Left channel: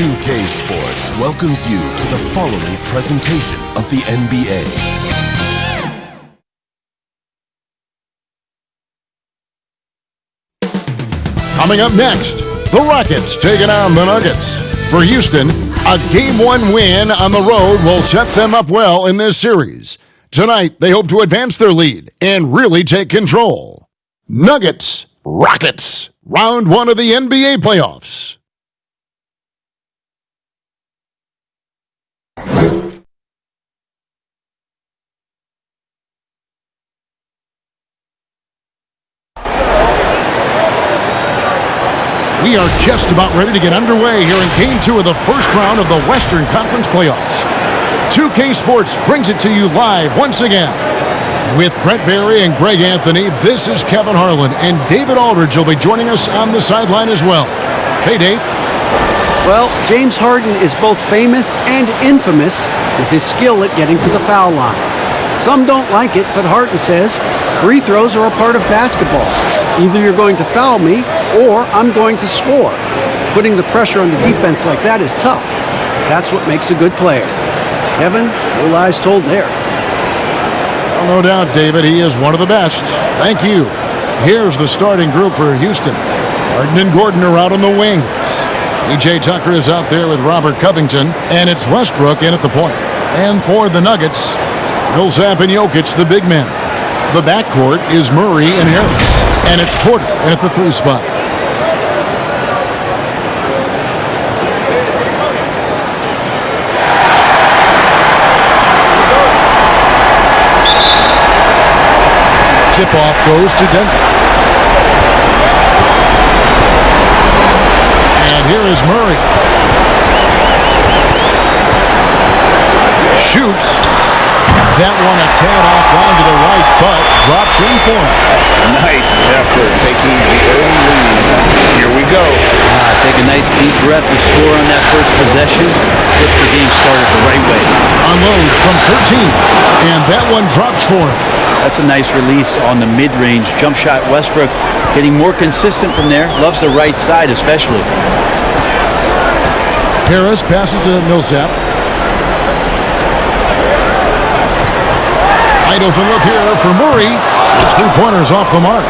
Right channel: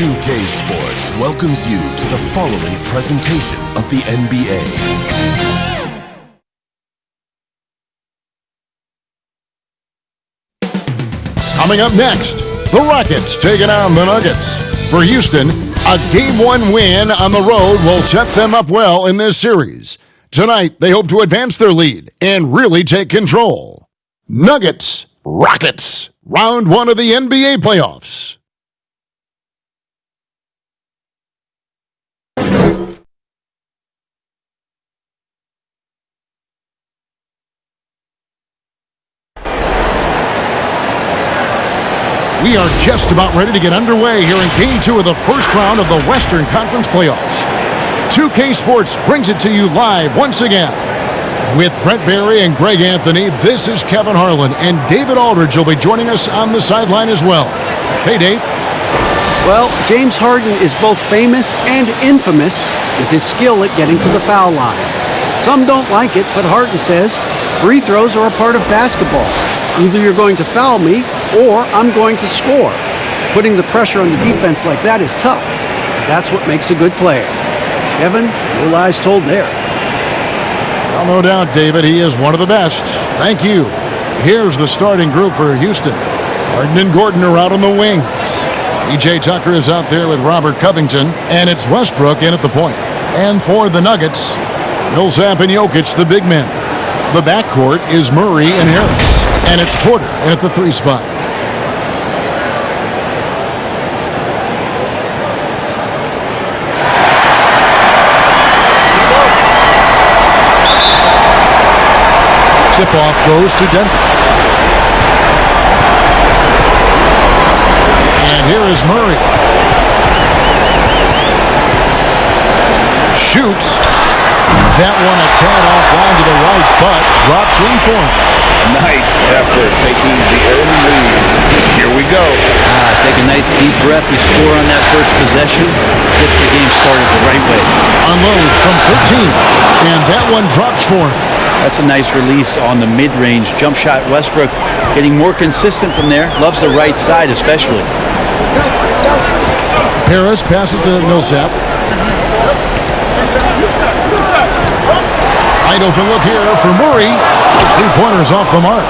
2K Sports welcomes you to the following presentation of the NBA. Coming up next, the Rockets taking on the Nuggets. For Houston, a Game 1 win on the road will set them up well in this series. Tonight, they hope to advance their lead and really take control. Nuggets, Rockets, round 1 of the NBA playoffs. We are just about ready to get underway here in Game 2 of the first round of the Western Conference Playoffs. 2K Sports brings it to you live once again. With Brent Barry and Greg Anthony, this is Kevin Harlan, and David Aldridge will be joining us on the sideline as well. Hey, Dave. Well, James Harden is both famous and infamous with his skill at getting to the foul line. Some don't like it, but Harden says free throws are a part of basketball. Either you're going to foul me, or I'm going to score. Putting the pressure on the defense like that is tough, but that's what makes a good player. Kevin, no lies told there. Well, no doubt, David, he is one of the best. Thank you. Here's the starting group for Houston. Harden and Gordon are out on the wings. P.J. Tucker is out there with Robert Covington, and it's Westbrook in at the point. And for the Nuggets, Millsap and Jokic, the big men. The backcourt is Murray and Harris. And it's Porter in at the 3 spot. Tip-off goes to Denver. And here is Murray. Shoots. That one a tad offline to the right, but drops in for him. Nice effort taking the early lead. Here we go. Take a nice deep breath to score on that first possession. Gets the game started the right way. Unloads from 13, and that one drops for him. That's a nice release on the mid-range jump shot. Westbrook getting more consistent from there. Loves the right side especially. Harris passes to Millsap. Wide open look here for Murray. His 3-pointers off the mark.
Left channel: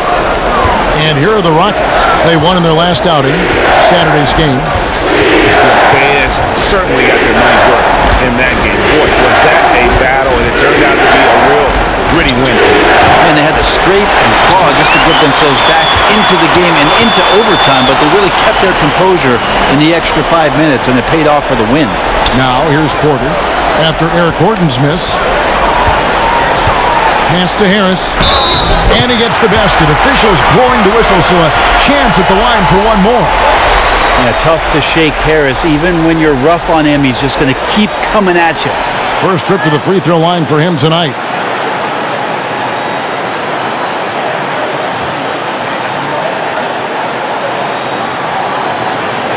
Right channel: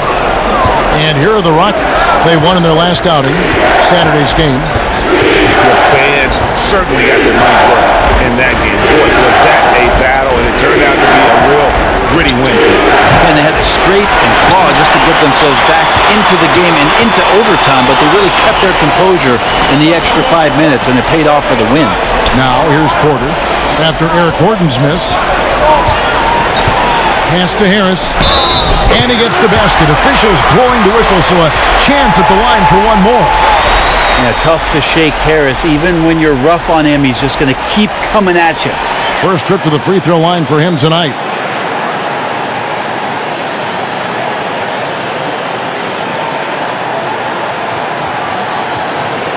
And here are the Rockets. They won in their last outing, Saturday's game. The fans certainly got their money's worth in that game. Boy, was that a battle, and it turned out to be a real gritty win for them. And they had to scrape and claw just to get themselves back into the game and into overtime, but they really kept their composure in the extra 5 minutes, and it paid off for the win. Now here's Porter after Eric Gordon's miss. Pass to Harris, and he gets the basket. Officials blowing the whistle, so a chance at the line for one more. Yeah, tough to shake Harris. Even when you're rough on him, he's just going to keep coming at you. First trip to the free throw line for him tonight.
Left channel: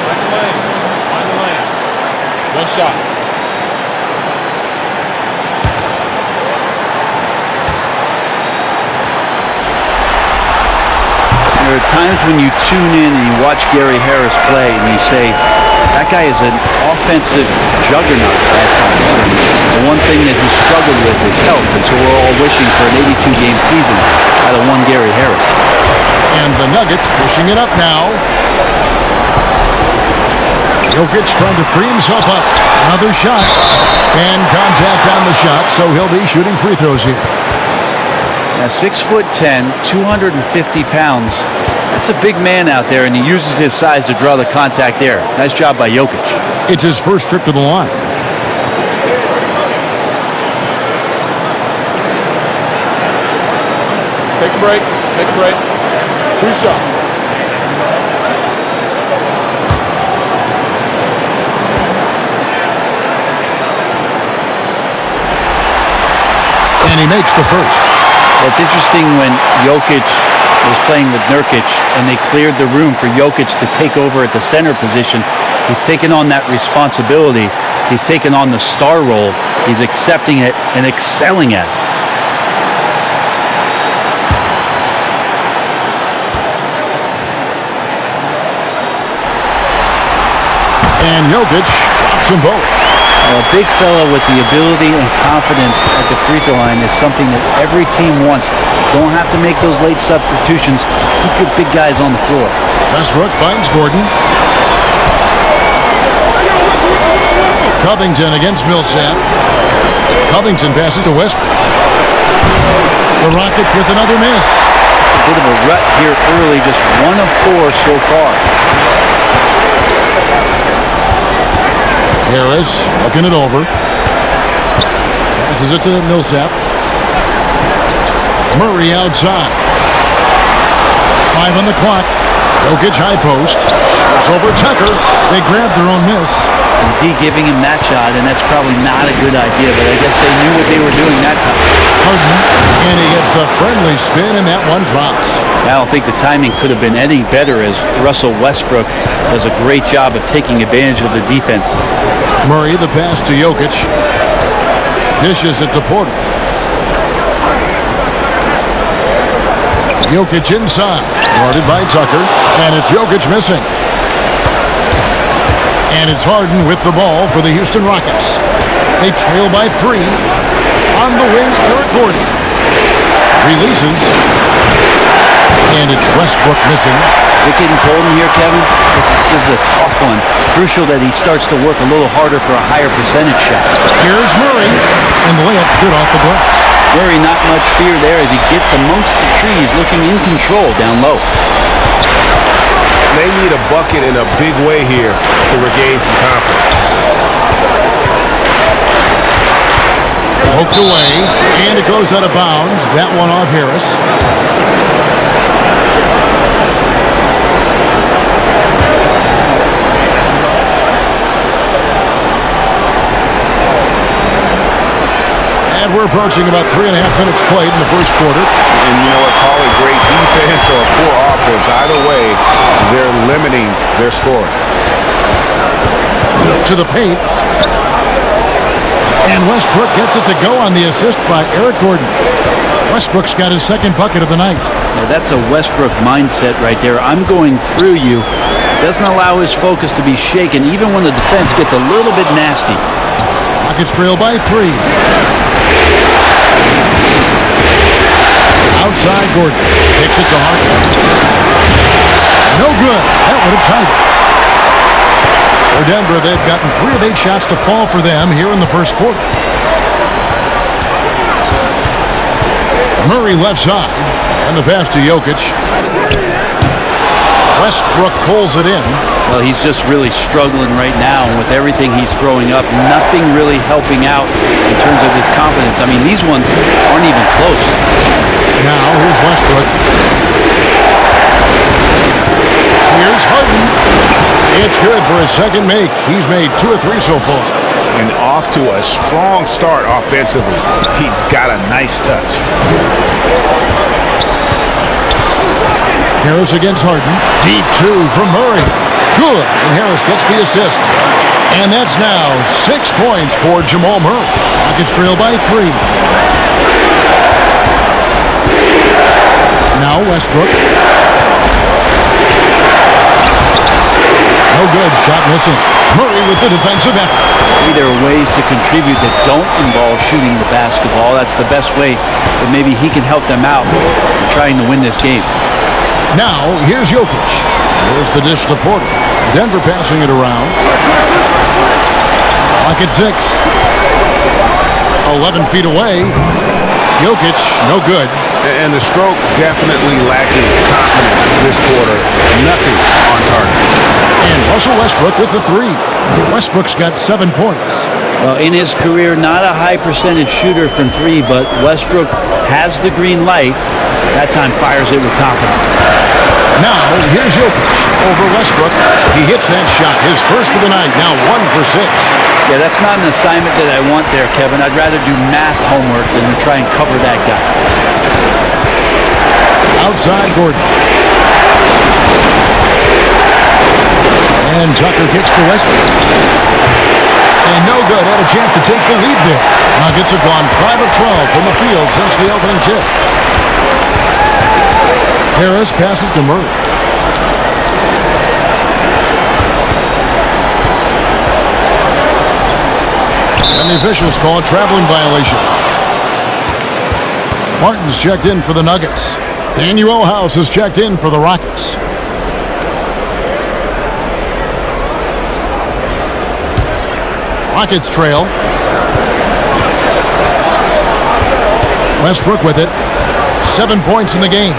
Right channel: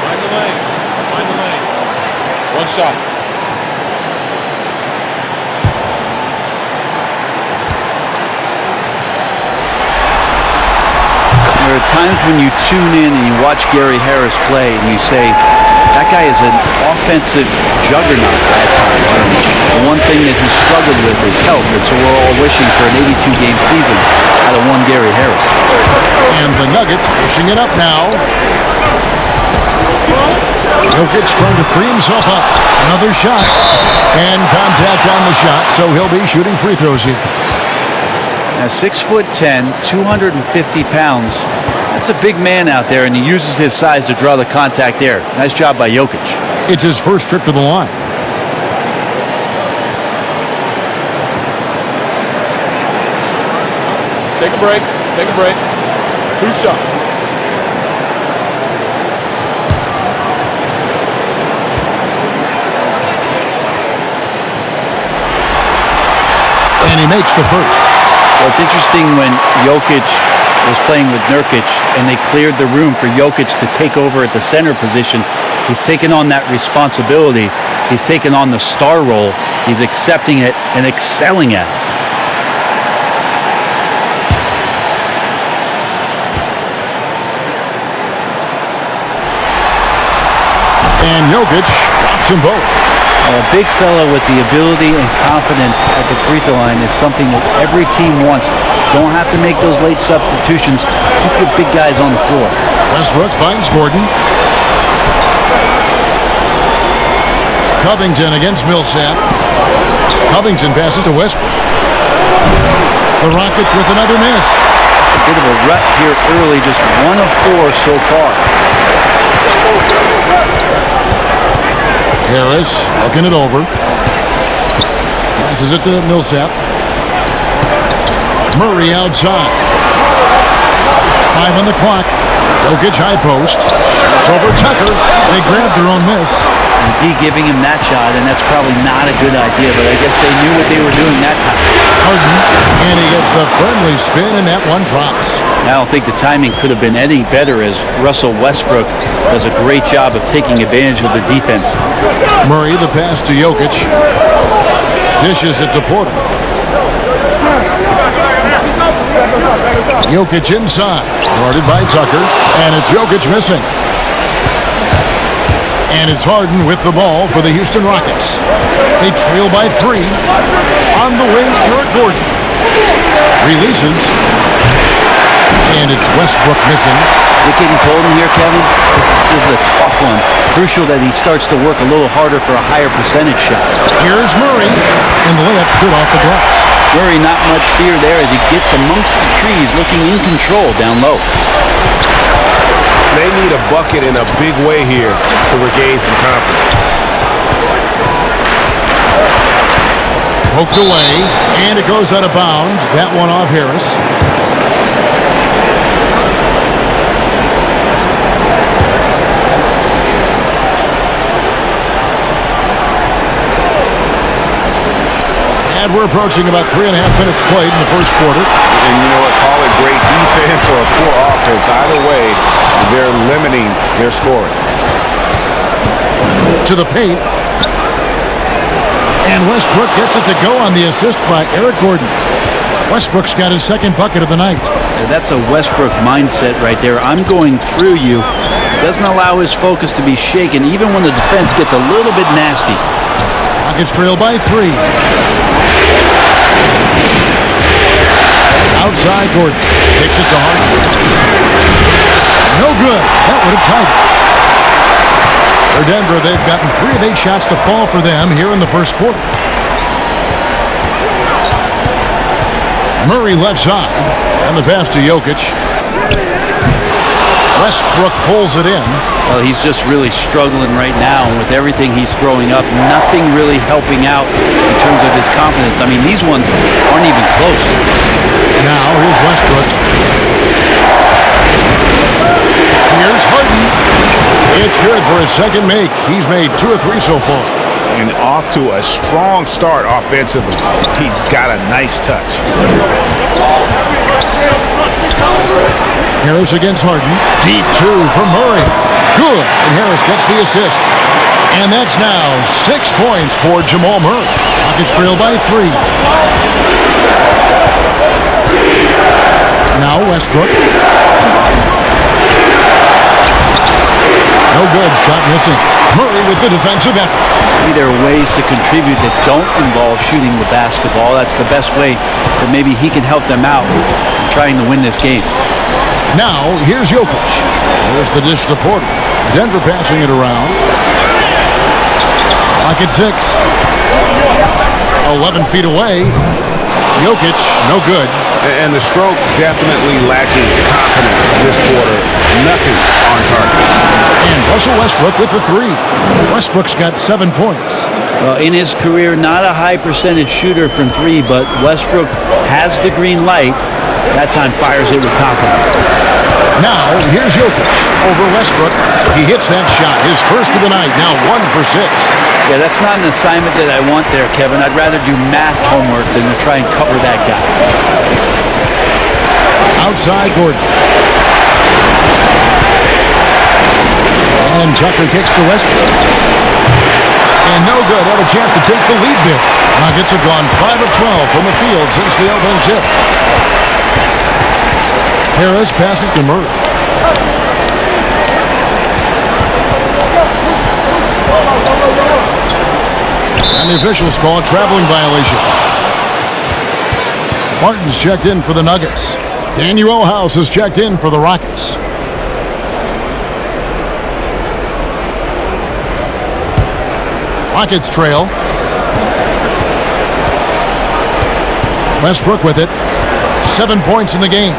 Find the lanes. Find the lanes. One shot. There are times when you tune in and you watch Gary Harris play and you say, that guy is an offensive juggernaut at times. And the one thing that he struggled with is health, and so we're all wishing for an 82-game season out of one Gary Harris. And the Nuggets pushing it up now. Jokic trying to free himself up. Another shot. And contact on the shot, so he'll be shooting free throws here. Now, 6'10", 250 pounds. That's a big man out there, and he uses his size to draw the contact there. Nice job by Jokic. It's his first trip to the line. Take a break. Take a break. 2 shots. And he makes the first. Well, it's interesting when Jokic was playing with Nurkic and they cleared the room for Jokic to take over at the center position. He's taken on that responsibility. He's taken on the star role. He's accepting it and excelling at it. And Jokic drops them both. A big fella with the ability and confidence at the free throw line is something that every team wants. Don't have to make those late substitutions. Keep your big guys on the floor. Westbrook finds Gordon. Covington against Millsap. Covington passes to Westbrook. The Rockets with another miss. A bit of a rut here early, just 1 of 4 so far. Harris looking it over. Passes it to Millsap. Murray outside. 5 on the clock. Jokic high post. Shoots over Tucker. They grab their own miss. And D giving him that shot, and that's probably not a good idea, but I guess they knew what they were doing that time. Harden, and he gets the friendly spin, and that one drops. I don't think the timing could have been any better, as Russell Westbrook does a great job of taking advantage of the defense. Murray, the pass to Jokic. Dishes it to Porter. Jokic inside. Guarded by Tucker. And it's Jokic missing. And it's Harden with the ball for the Houston Rockets. They trail by 3. On the wing, Eric Gordon. Releases. And it's Westbrook missing. Is it getting cold in here, Kevin? This is a tough one. Crucial that he starts to work a little harder for a higher percentage shot. Here's Murray, and the layup's good off the glass. Murray, not much fear there as he gets amongst the trees, looking in control down low. They need a bucket in a big way here to regain some confidence. Poked away, and it goes out of bounds. That one off Harris. And we're approaching about 3.5 minutes played in the first quarter. And you know what, call it great defense or poor offense. Either way, they're limiting their scoring. To the paint. And Westbrook gets it to go on the assist by Eric Gordon. Westbrook's got his second bucket of the night. Now, that's a Westbrook mindset right there. I'm going through you. Doesn't allow his focus to be shaken, even when the defense gets a little bit nasty. Rockets trail by 3. Outside Gordon. Kicks it to Harden. No good. That would have tied it. For Denver, they've gotten 3 of 8 shots to fall for them here in the first quarter. Murray left side. And the pass to Jokic. Westbrook pulls it in. Well, he's just really struggling right now. And with everything he's throwing up, nothing really helping out in terms of his confidence. I mean, these ones aren't even close. Now, here's Westbrook. Here's Harden. It's good for his second make. He's made 2 of 3 so far. And off to a strong start offensively. He's got a nice touch. Harris against Harden. Deep 2 from Murray. Good. And Harris gets the assist. And that's now 6 points for Jamal Murray. Rockets trail by 3. Now Westbrook. No good. Shot missing. Murray with the defensive effort. Maybe there are ways to contribute that don't involve shooting the basketball. That's the best way that maybe he can help them out in trying to win this game. Now, here's Jokic. Here's the dish to Porter. Denver passing it around. Clock at 6. 11 feet away. Jokic, no good. And the stroke definitely lacking confidence this quarter. Nothing on target. And Russell Westbrook with the 3. Westbrook's got 7 points. Well, in his career, not a high percentage shooter from 3, but Westbrook has the green light. That time fires it with confidence. Now, here's Jokic over Westbrook. He hits that shot, his first of the night, now 1 for 6. Yeah, that's not an assignment that I want there, Kevin. I'd rather do math homework than to try and cover that guy. Outside Gordon. And Tucker kicks to Westbrook. And no good. Had a chance to take the lead there. Nuggets have gone 5 of 12 from the field since the opening tip. Harris passes to Murray. And the officials call a traveling violation. Martin's checked in for the Nuggets. Daniel House is checked in for the Rockets. Rockets trail. Westbrook with it. 7 points in the game.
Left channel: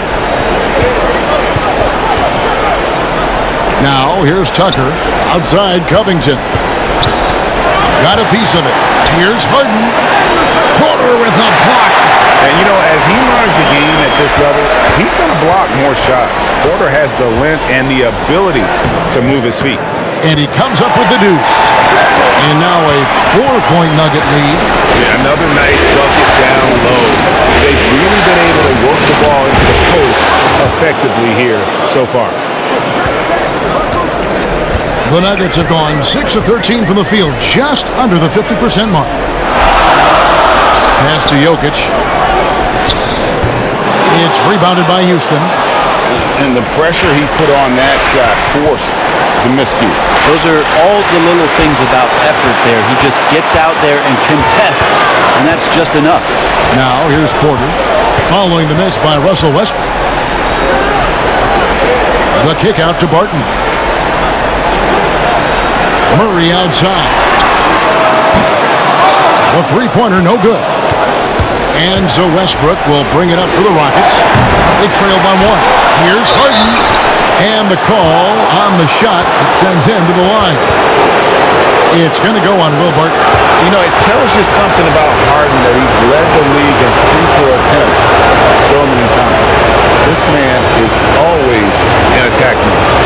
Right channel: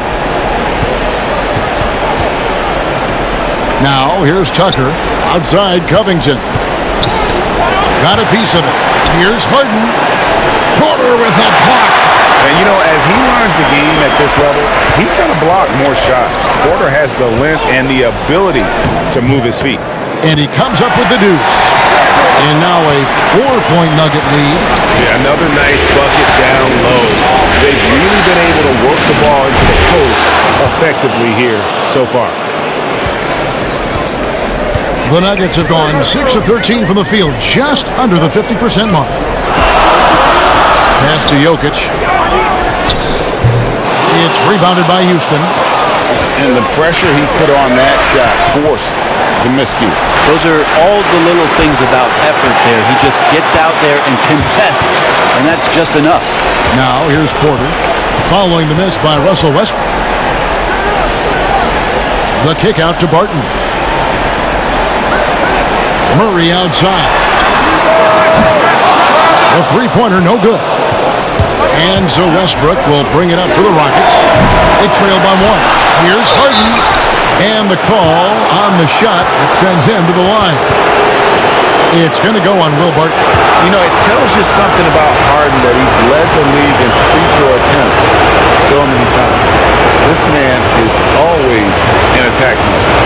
Now, here's Tucker. Outside, Covington. Got a piece of it. Here's Harden. Porter with a block. And, you know, as he learns the game at this level, he's going to block more shots. Porter has the length and the ability to move his feet. And he comes up with the deuce. And now a 4-point Nugget lead. Yeah, another nice bucket down low. They've really been able to work the ball into the post effectively here so far. The Nuggets have gone 6 of 13 from the field, just under the 50% mark. Pass to Jokic. It's rebounded by Houston. And the pressure he put on that shot forced the miscue. Those are all the little things about effort there. He just gets out there and contests, and that's just enough. Now here's Porter, following the miss by Russell Westbrook. The kick out to Barton. Murray outside. The three-pointer no good. And so Westbrook will bring it up for the Rockets. They trail by 1. Here's Harden. And the call on the shot that sends him to the line. It's going to go on Will Barton. You know, it tells you something about Harden that he's led the league in free throw attempts so many times. This man is always in attack mode.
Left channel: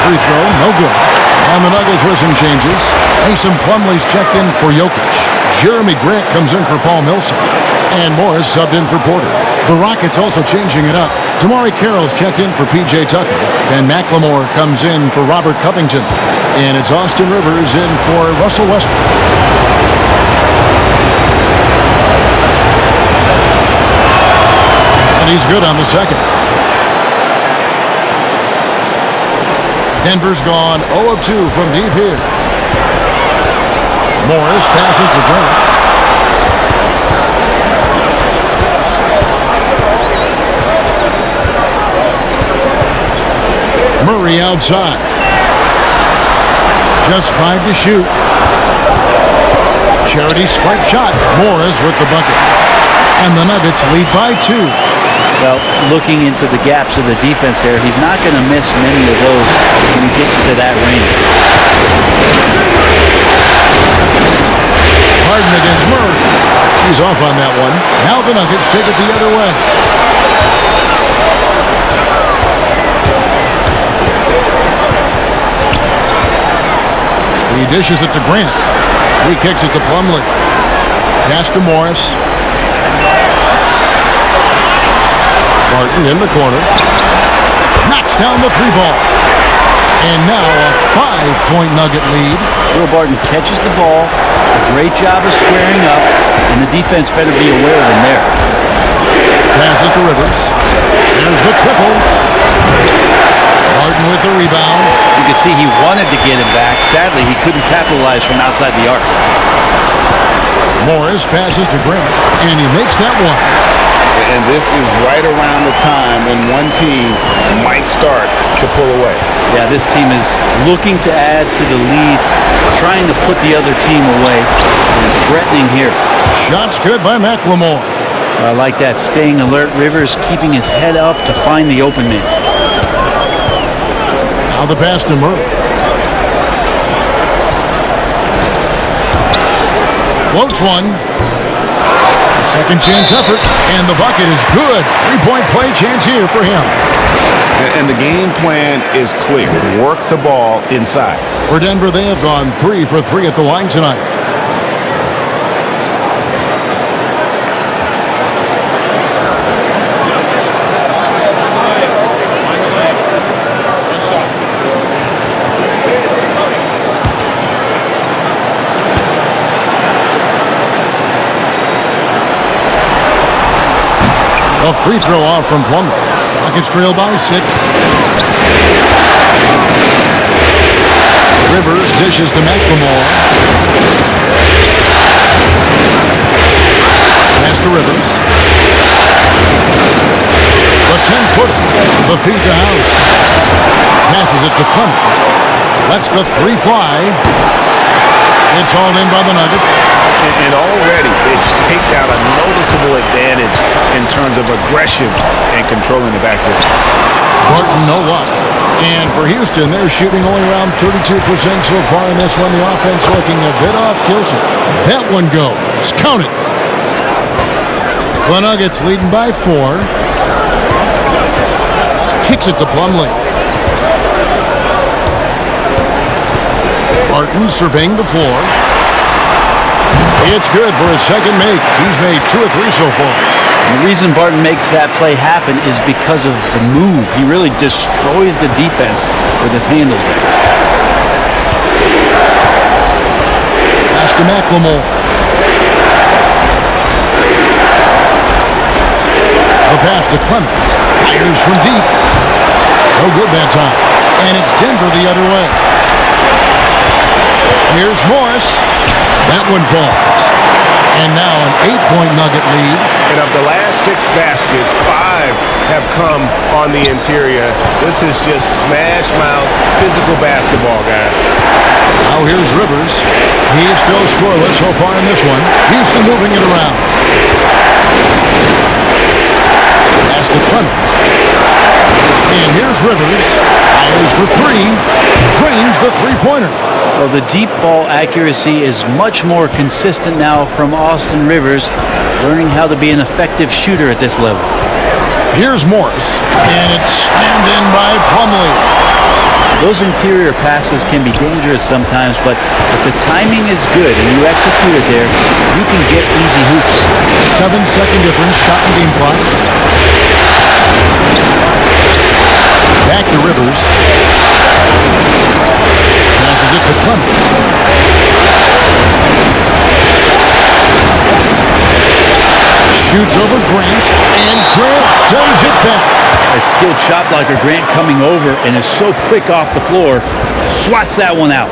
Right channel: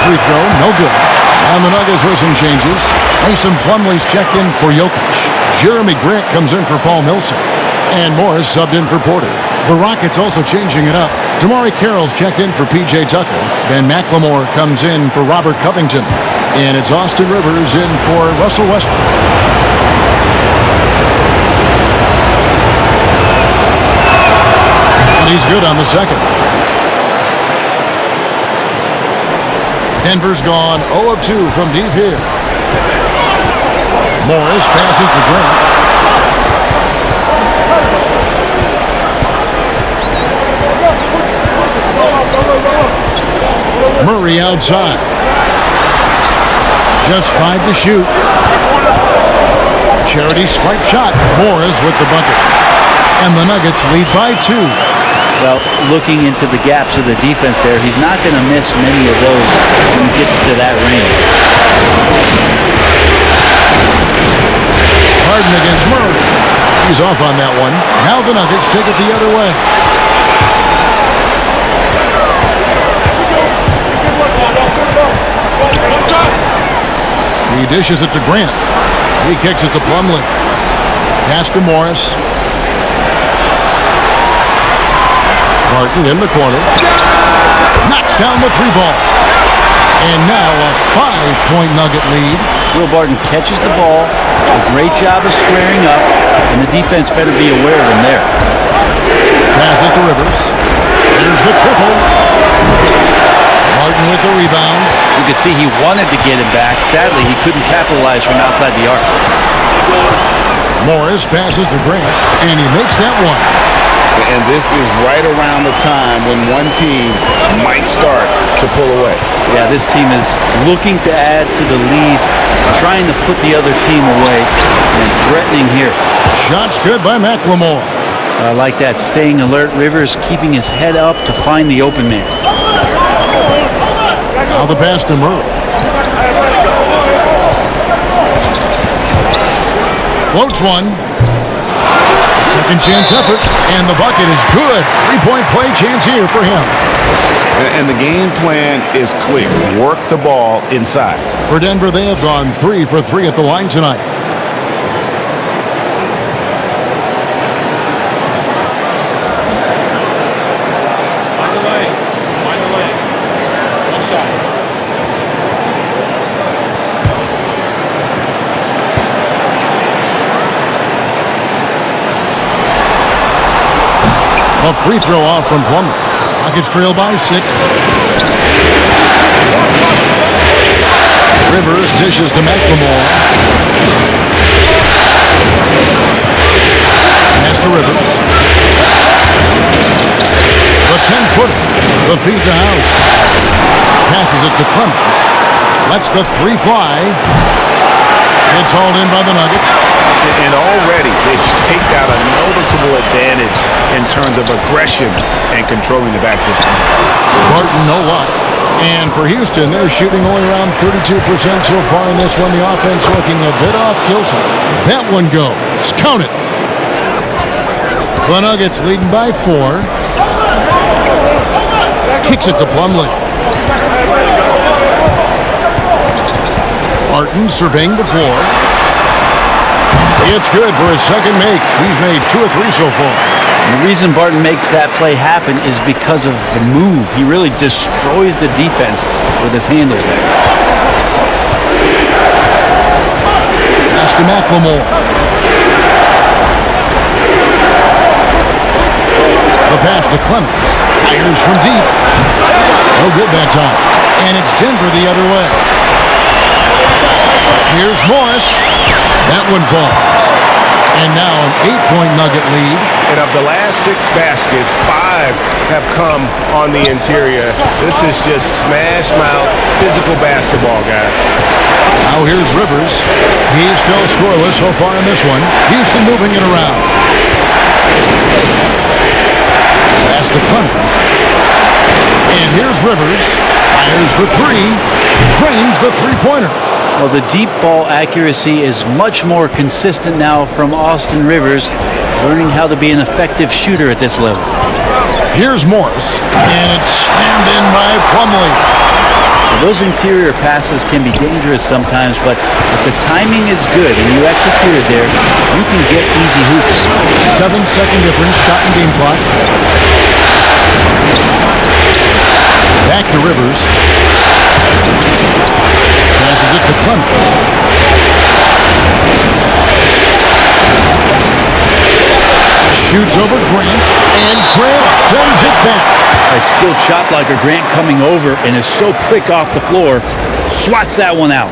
Free throw, no good. And the Nuggets with some changes. Mason Plumlee's checked in for Jokic. Jeremy Grant comes in for Paul Millsap. And Morris subbed in for Porter. The Rockets also changing it up. Damari Carroll's checked in for P.J. Tucker. Ben McLemore comes in for Robert Covington. And it's Austin Rivers in for Russell Westbrook. And he's good on the second. Denver's gone 0 of 2 from deep here. Morris passes to Grant. Murray outside. Just 5 to shoot. Charity stripe shot. Morris with the bucket. And the Nuggets lead by 2. Well, looking into the gaps of the defense there, he's not going to miss many of those when he gets to that range. Harden against Murray. He's off on that one. Now the Nuggets take it the other way. He dishes it to Grant. He kicks it to Plumlee. Pass to Morris. Barton in the corner. Knocks down the 3-ball. And now a 5-point Nugget lead. Will Barton catches the ball. A great job of squaring up. And the defense better be aware of him there. Passes to Rivers. There's the triple. Barton with the rebound. You could see he wanted to get him back. Sadly, he couldn't capitalize from outside the arc. Morris passes to Grant. And he makes that one. And this is right around the time when one team might start to pull away. Yeah, this team is looking to add to the lead, trying to put the other team away, and threatening here. Shot's good by McLemore. I like that, staying alert. Rivers keeping his head up to find the open man. Now the pass to Murray. Floats one. A second chance effort, and the bucket is good. 3-point play chance here for him. And the game plan is clear. Work the ball inside. For Denver, they have gone 3 for 3 at the line tonight. Mind the legs. Mind the legs. One shot. A free throw off from Plumlee. Rockets trail by 6. Rivers dishes to McLemore. Pass to Rivers. The 10-footer. The feed to House. Passes it to Clemens. Lets the 3 fly. It's hauled in by the Nuggets. And already they've staked out a noticeable advantage in terms of aggression and controlling the backcourt. Barton, no luck. And for Houston, they're shooting only around 32% so far in this one. The offense looking a bit off kilter. That one goes. Count it. The Nuggets leading by 4. Kicks it to Plumlee. Barton surveying the floor. It's good for his second make. He's made 2 or 3 so far. And the reason Barton makes that play happen is because of the move. He really destroys the defense with his handles there. Pass to McLemore. The pass to Clemens. Fires from deep. No good that time. And it's Denver the other way. Here's Morris. That one falls. And now an 8-point Nugget lead. And of the last 6 baskets, 5 have come on the interior. This is just smash mouth, physical basketball, guys. Now here's Rivers. He's still scoreless so far in this one. Houston moving it around. Pass to Clemens. And here's Rivers. Fires for 3. Drains the 3-pointer. Well, the deep ball accuracy is much more consistent now from Austin Rivers, learning how to be an effective shooter at this level. Here's Morris, and it's slammed in by Plumlee. Those interior passes can be dangerous sometimes, but if the timing is good and you execute it there, you can get easy hoops. 7-second difference, shot and game clock. Back to Rivers. Passes it to Clemens. Shoots over Grant, and Grant sends it back. A skilled shot blocker, Grant, coming over and is so quick off the floor, swats that one out.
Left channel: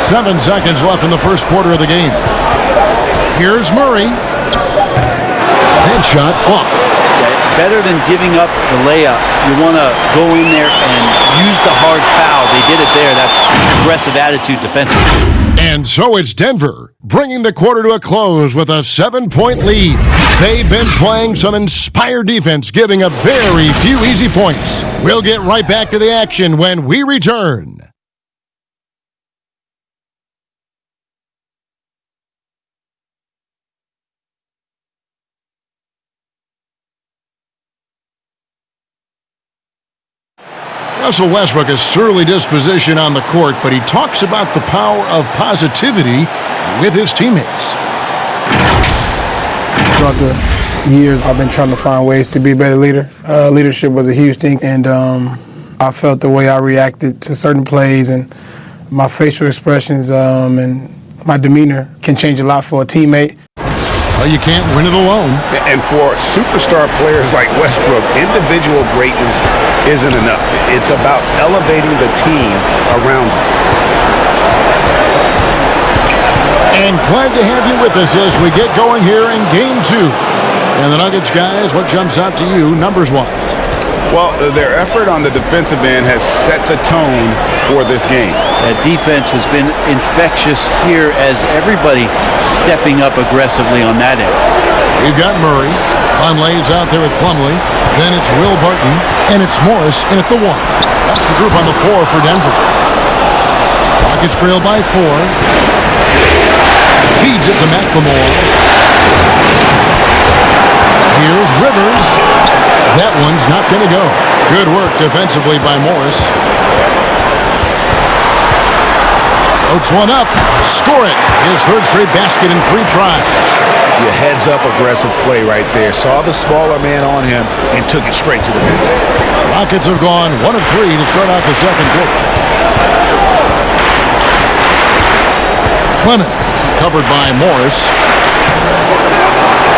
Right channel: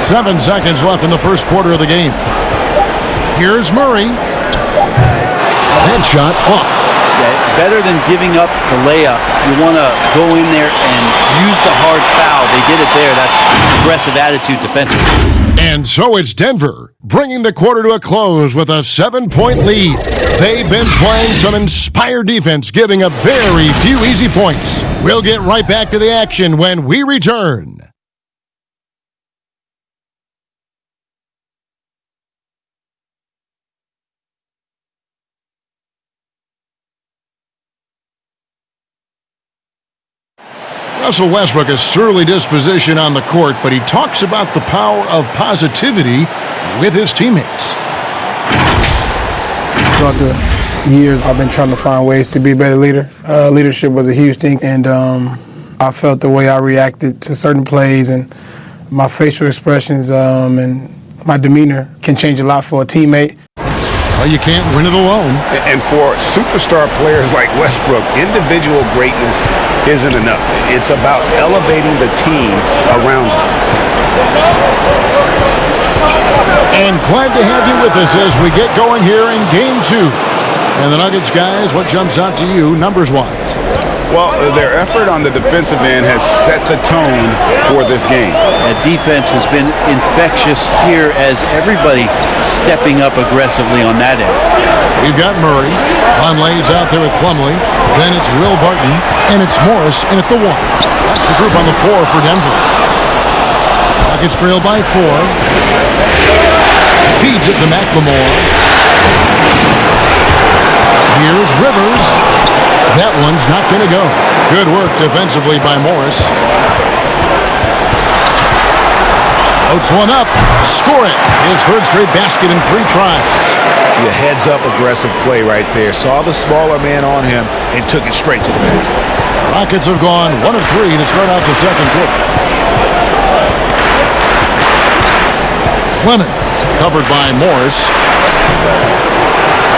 Seven seconds left in the first quarter of the game. Here's Murray. That shot off. Yeah, better than giving up the layup. You want to go in there and use the hard foul. They did it there. That's aggressive attitude defensively. And so it's Denver, bringing the quarter to a close with a 7-point lead. They've been playing some inspired defense, giving up very few easy points. We'll get right back to the action when we return. Russell Westbrook is surly disposition on the court, but he talks about the power of positivity with his teammates. Throughout the years, I've been trying to find ways to be a better leader. Leadership was a huge thing, and I felt the way I reacted to certain plays and my facial expressions and my demeanor can change a lot for a teammate. Well, you can't win it alone. And for superstar players like Westbrook, individual greatness isn't enough. It's about elevating the team around him. And glad to have you with us as we get going here in Game 2. And the Nuggets, guys, what jumps out to you numbers-wise? Well, their effort on the defensive end has set the tone for this game. That defense has been infectious here as everybody stepping up aggressively on that end. We've got Murray. Plumlee's out there with Plumlee. Then it's Will Barton. And it's Morris in at the 1. That's the group on the floor for Denver. Rockets trail by 4. Feeds it to McLemore. Here's Rivers. That one's not going to go. Good work defensively by Morris. Floats one up. Score it. His third straight basket in 3 tries. Your heads-up aggressive play right there. Saw the smaller man on him and took it straight to the net. Rockets have gone 1 of 3 to start out the second quarter. Clemens covered by Morris.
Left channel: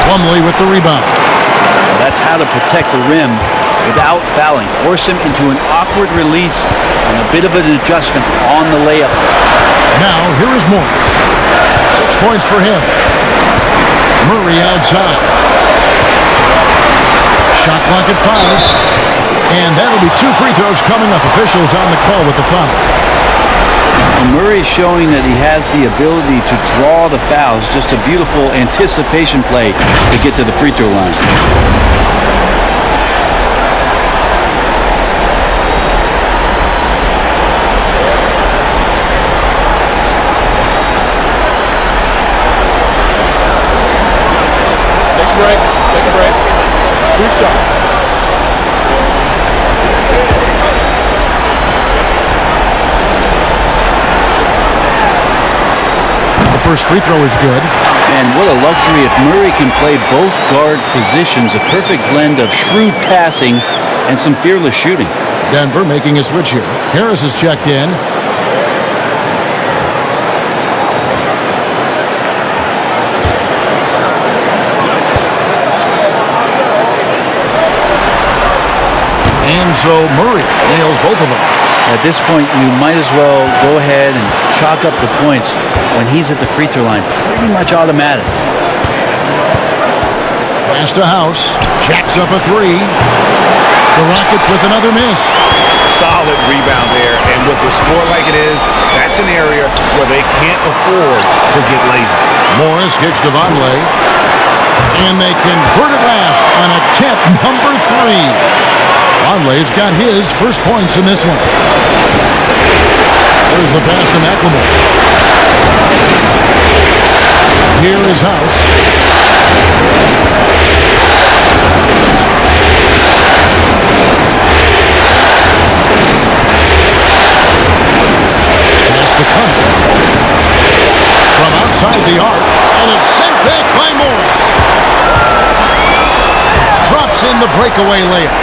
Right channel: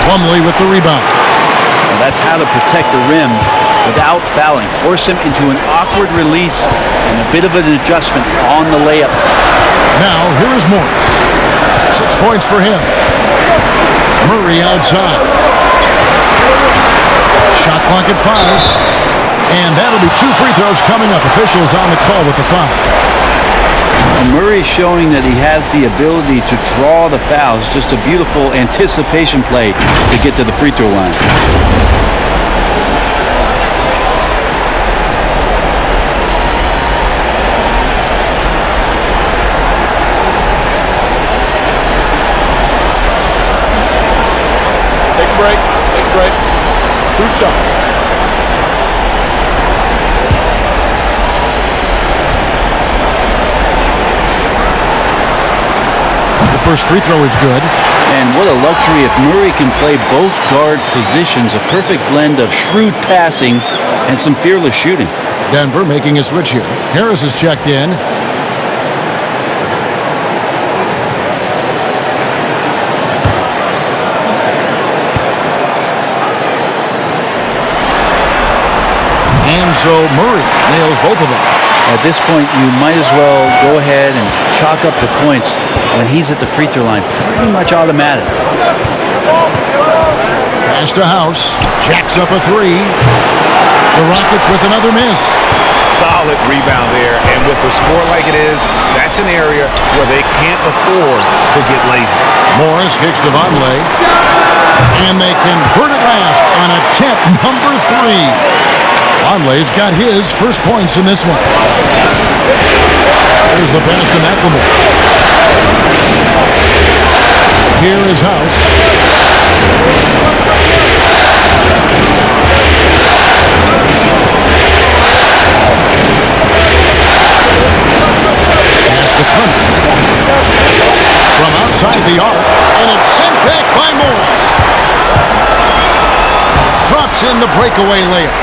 Plumlee with the rebound. Well, that's how to protect the rim without fouling. Force him into an awkward release and a bit of an adjustment on the layup. Now, here is Morris. 6 points for him. Murray outside. Shot clock at 5. And that'll be 2 free throws coming up. Officials on the call with the foul. Well, Murray is showing that he has the ability to draw the fouls. Just a beautiful anticipation play to get to the free throw line. Take a break. Take a break. 2 shots. The first free throw is good. And what a luxury if Murray can play both guard positions. A perfect blend of shrewd passing and some fearless shooting. Denver making a switch here. Harris is checked in. And so Murray nails both of them. At this point, you might as well go ahead and chalk up the points when he's at the free throw line. Pretty much automatic. Pass to House. Jacks up a 3. The Rockets with another miss. Solid rebound there, and with the score like it is, that's an area where they can't afford to get lazy. Morris kicks to Vonleh. And they convert at last on attempt number 3. Vonleh's got his first points in this one. There's the pass to McLemore. Here is House. Pass to Clemens. From outside the arc, and it's sent back by Morris. Drops in the breakaway layup.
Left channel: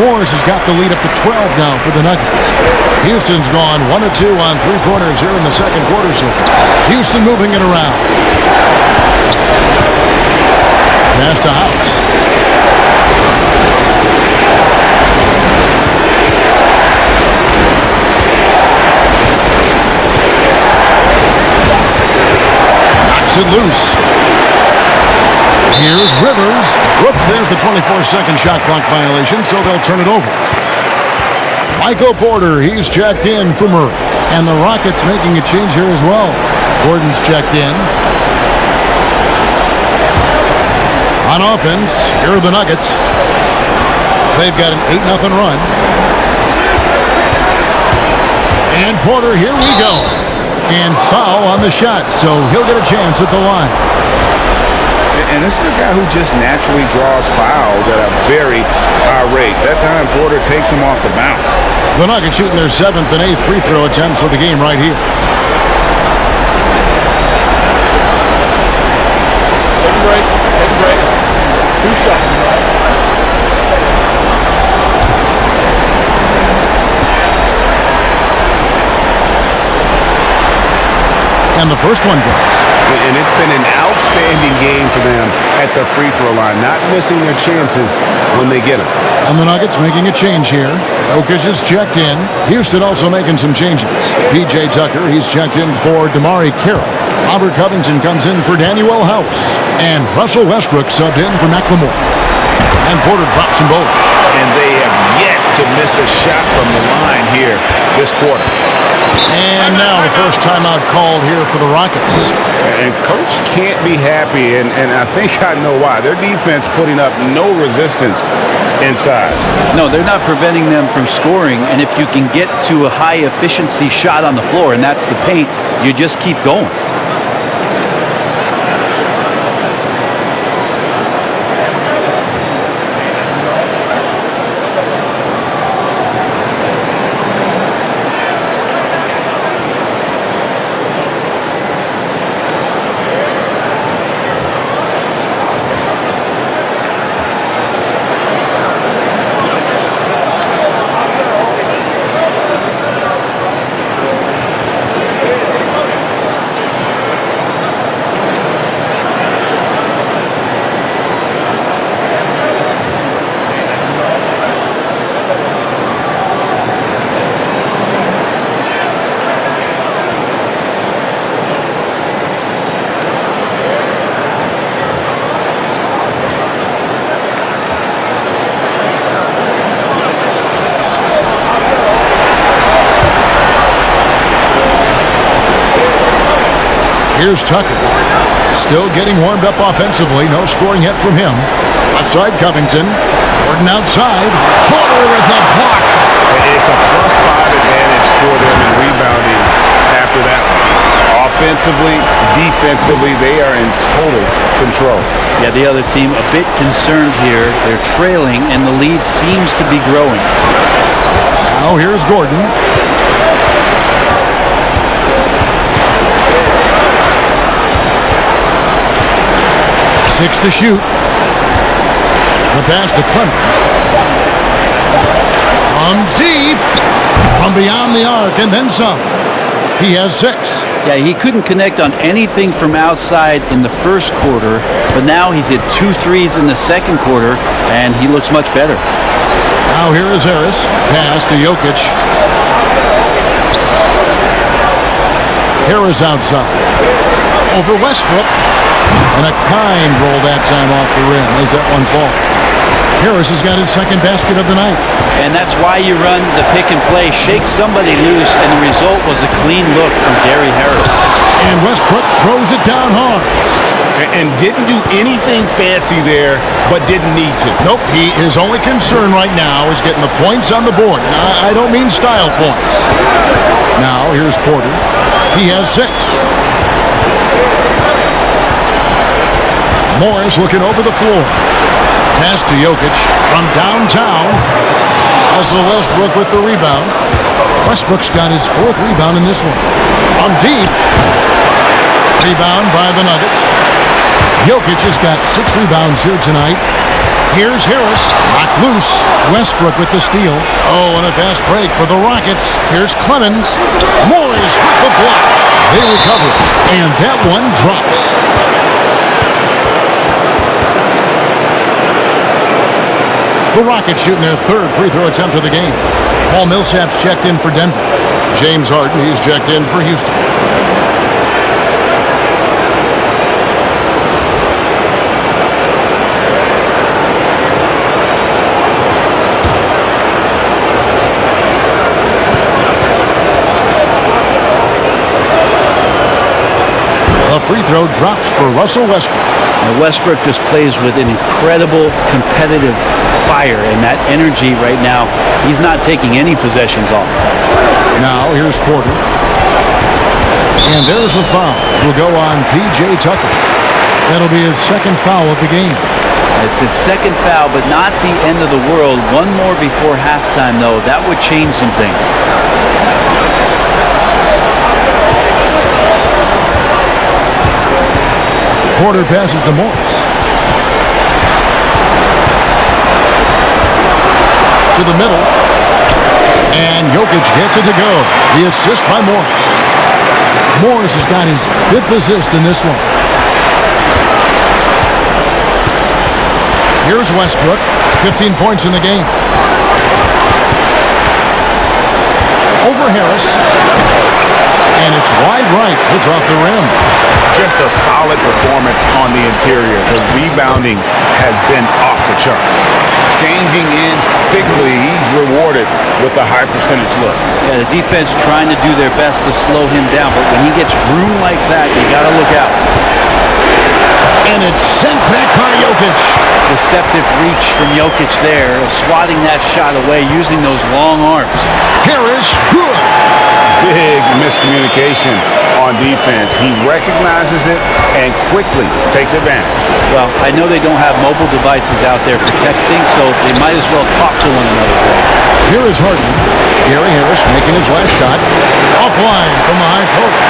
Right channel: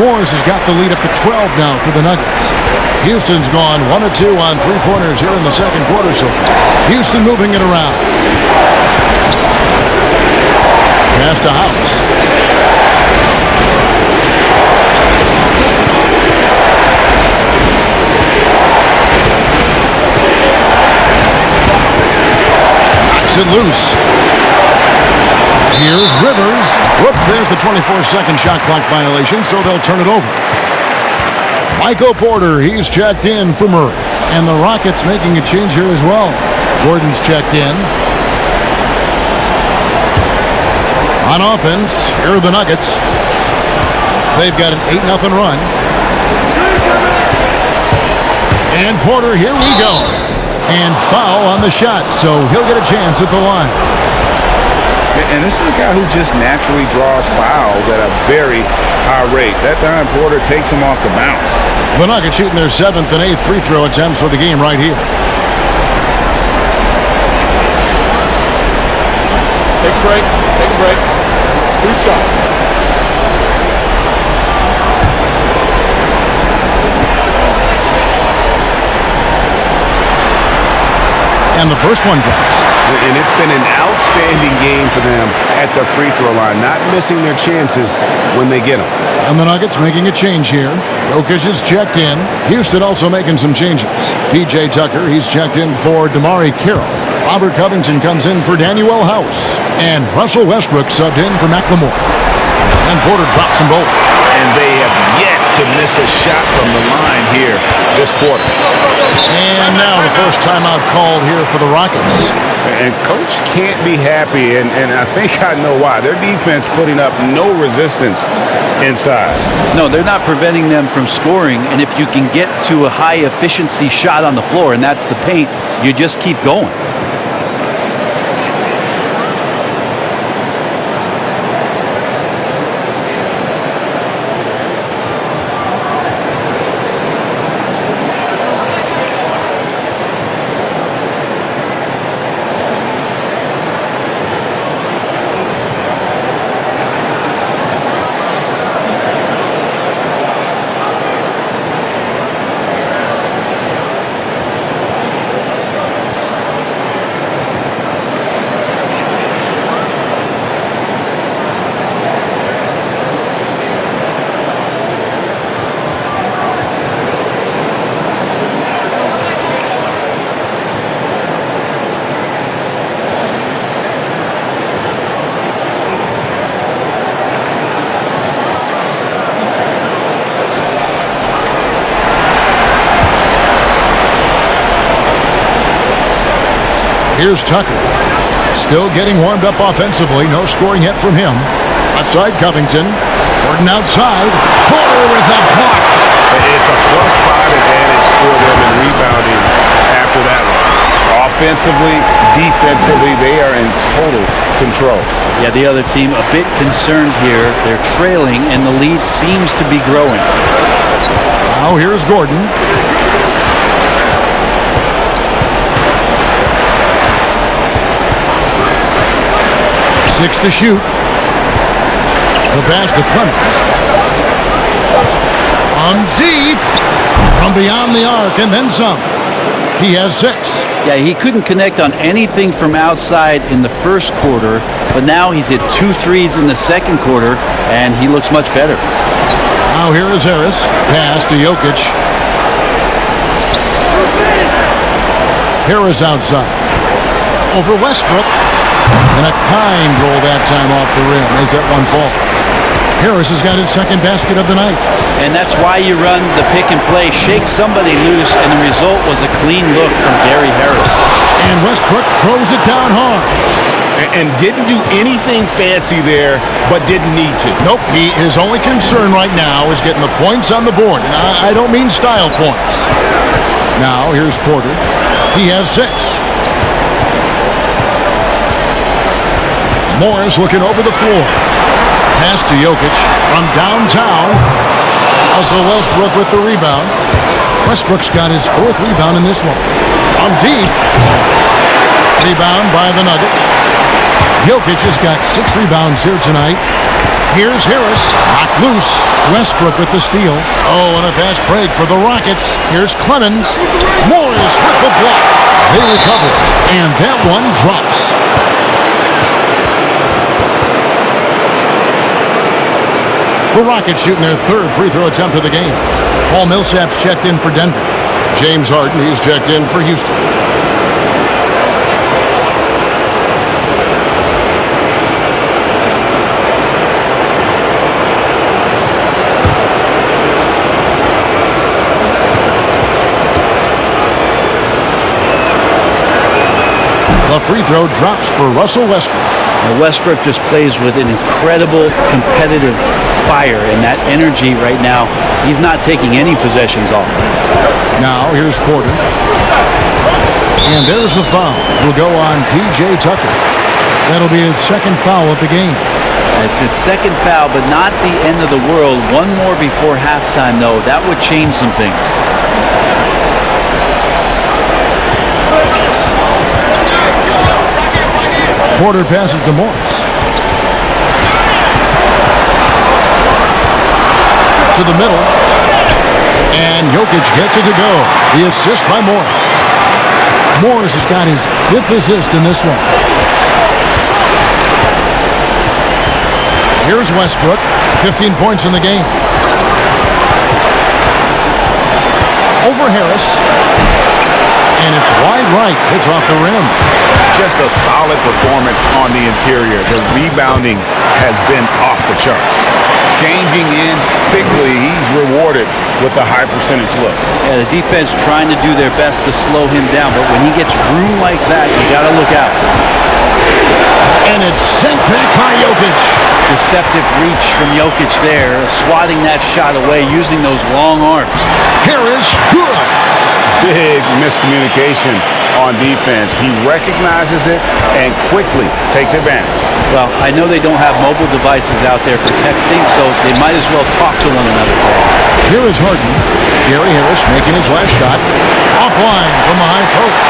Morris has got the lead up to 12 now for the Nuggets. Houston's gone 1 of 2 on 3-pointers here in the second quarter so far. Houston moving it around. Pass to House. Knocks it loose. Here's Rivers. Whoops, there's the 24-second shot clock violation, so they'll turn it over. Michael Porter, he's checked in for Murray. And the Rockets making a change here as well. Gordon's checked in. On offense, here are the Nuggets. They've got an 8-0 run. And Porter, here we go. And foul on the shot, so he'll get a chance at the line. And this is a guy who just naturally draws fouls at a very high rate. That time, Porter takes him off the bounce. The Nuggets shooting their 7th and 8th free throw attempts for the game right here. Take a break. Take a break. 2 shots. And the first one drops. And it's been an outstanding game for them at the free throw line, not missing their chances when they get them. And the Nuggets making a change here. Jokic is checked in. Houston also making some changes. P.J. Tucker, he's checked in for Damari Carroll. Robert Covington comes in for Danuel House. And Russell Westbrook subbed in for McLemore. And Porter drops them both. And they have yet to miss a shot from the line here this quarter. And now the first timeout called here for the Rockets. And Coach can't be happy, and I think I know why. Their defense putting up no resistance inside. No, they're not preventing them from scoring, and if you can get to a high-efficiency shot on the floor, and that's the paint, you just keep going. Here's Tucker. Still getting warmed up offensively. No scoring yet from him. Outside Covington. Gordon outside. Porter with a block. It's a +5 advantage for them in rebounding after that one. Offensively, defensively, they are in total control. Yeah, the other team a bit concerned here. They're trailing, and the lead seems to be growing. Now here's Gordon. Six to shoot. The pass to Clemens. From deep. From beyond the arc, and then some. He has 6. Yeah, he couldn't connect on anything from outside in the first quarter, but now he's hit 2 threes in the second quarter, and he looks much better. Now here is Harris. Pass to Jokic. Harris outside. Over Westbrook. And a kind roll that time off the rim as that one falls. Harris has got his second basket of the night. And that's why you run the pick and play. Shake somebody loose, and the result was a clean look from Gary Harris. And Westbrook throws it down hard. And didn't do anything fancy there, but didn't need to. Nope, his only concern right now is getting the points on the board. And I don't mean style points. Now here's Porter. He has 6. Morris looking over the floor. Pass to Jokic from downtown. Russell Westbrook with the rebound. Westbrook's got his 4th rebound in this one. From deep. Rebound by the Nuggets. Jokic has got 6 rebounds here tonight. Here's Harris. Knocked loose. Westbrook with the steal. Oh, and a fast break for the Rockets. Here's Clemens. Morris with the block. They recover it. And that one drops. The Rockets shooting their 3rd free throw attempt of the game. Paul Millsap's checked in for Denver. James Harden, he's checked in for Houston. The free throw drops for Russell Westbrook. Now Westbrook just plays with an incredible competitive fire, and that energy right now, he's not taking any possessions off. Now here's Porter. And there's the foul. It'll go on P.J. Tucker. That'll be his 2nd foul of the game. It's his 2nd foul, but not the end of the world. One more before halftime, though. That would change some things. Porter passes to Morris. To the middle. And Jokic gets it to go. The assist by Morris. Morris has got his 5th assist in this one. Here's Westbrook. 15 points in the game. Over Harris. And it's wide right. It's off the rim. Just a solid performance on the interior. The rebounding has been off the charts. Changing ends quickly, he's rewarded with a high percentage look. Yeah, the defense trying to do their best to slow him down, but when he gets room like that, you got to look out. And it's sent back by Jokic. Deceptive reach from Jokic there, swatting that shot away using those long arms. Harris, good. Big miscommunication on defense. He recognizes it and quickly takes advantage. Well, I know they don't have mobile devices out there for texting, so they might as well talk to one another, Greg. Here is Harden. Gary Harris making his last shot. Offline from the high post.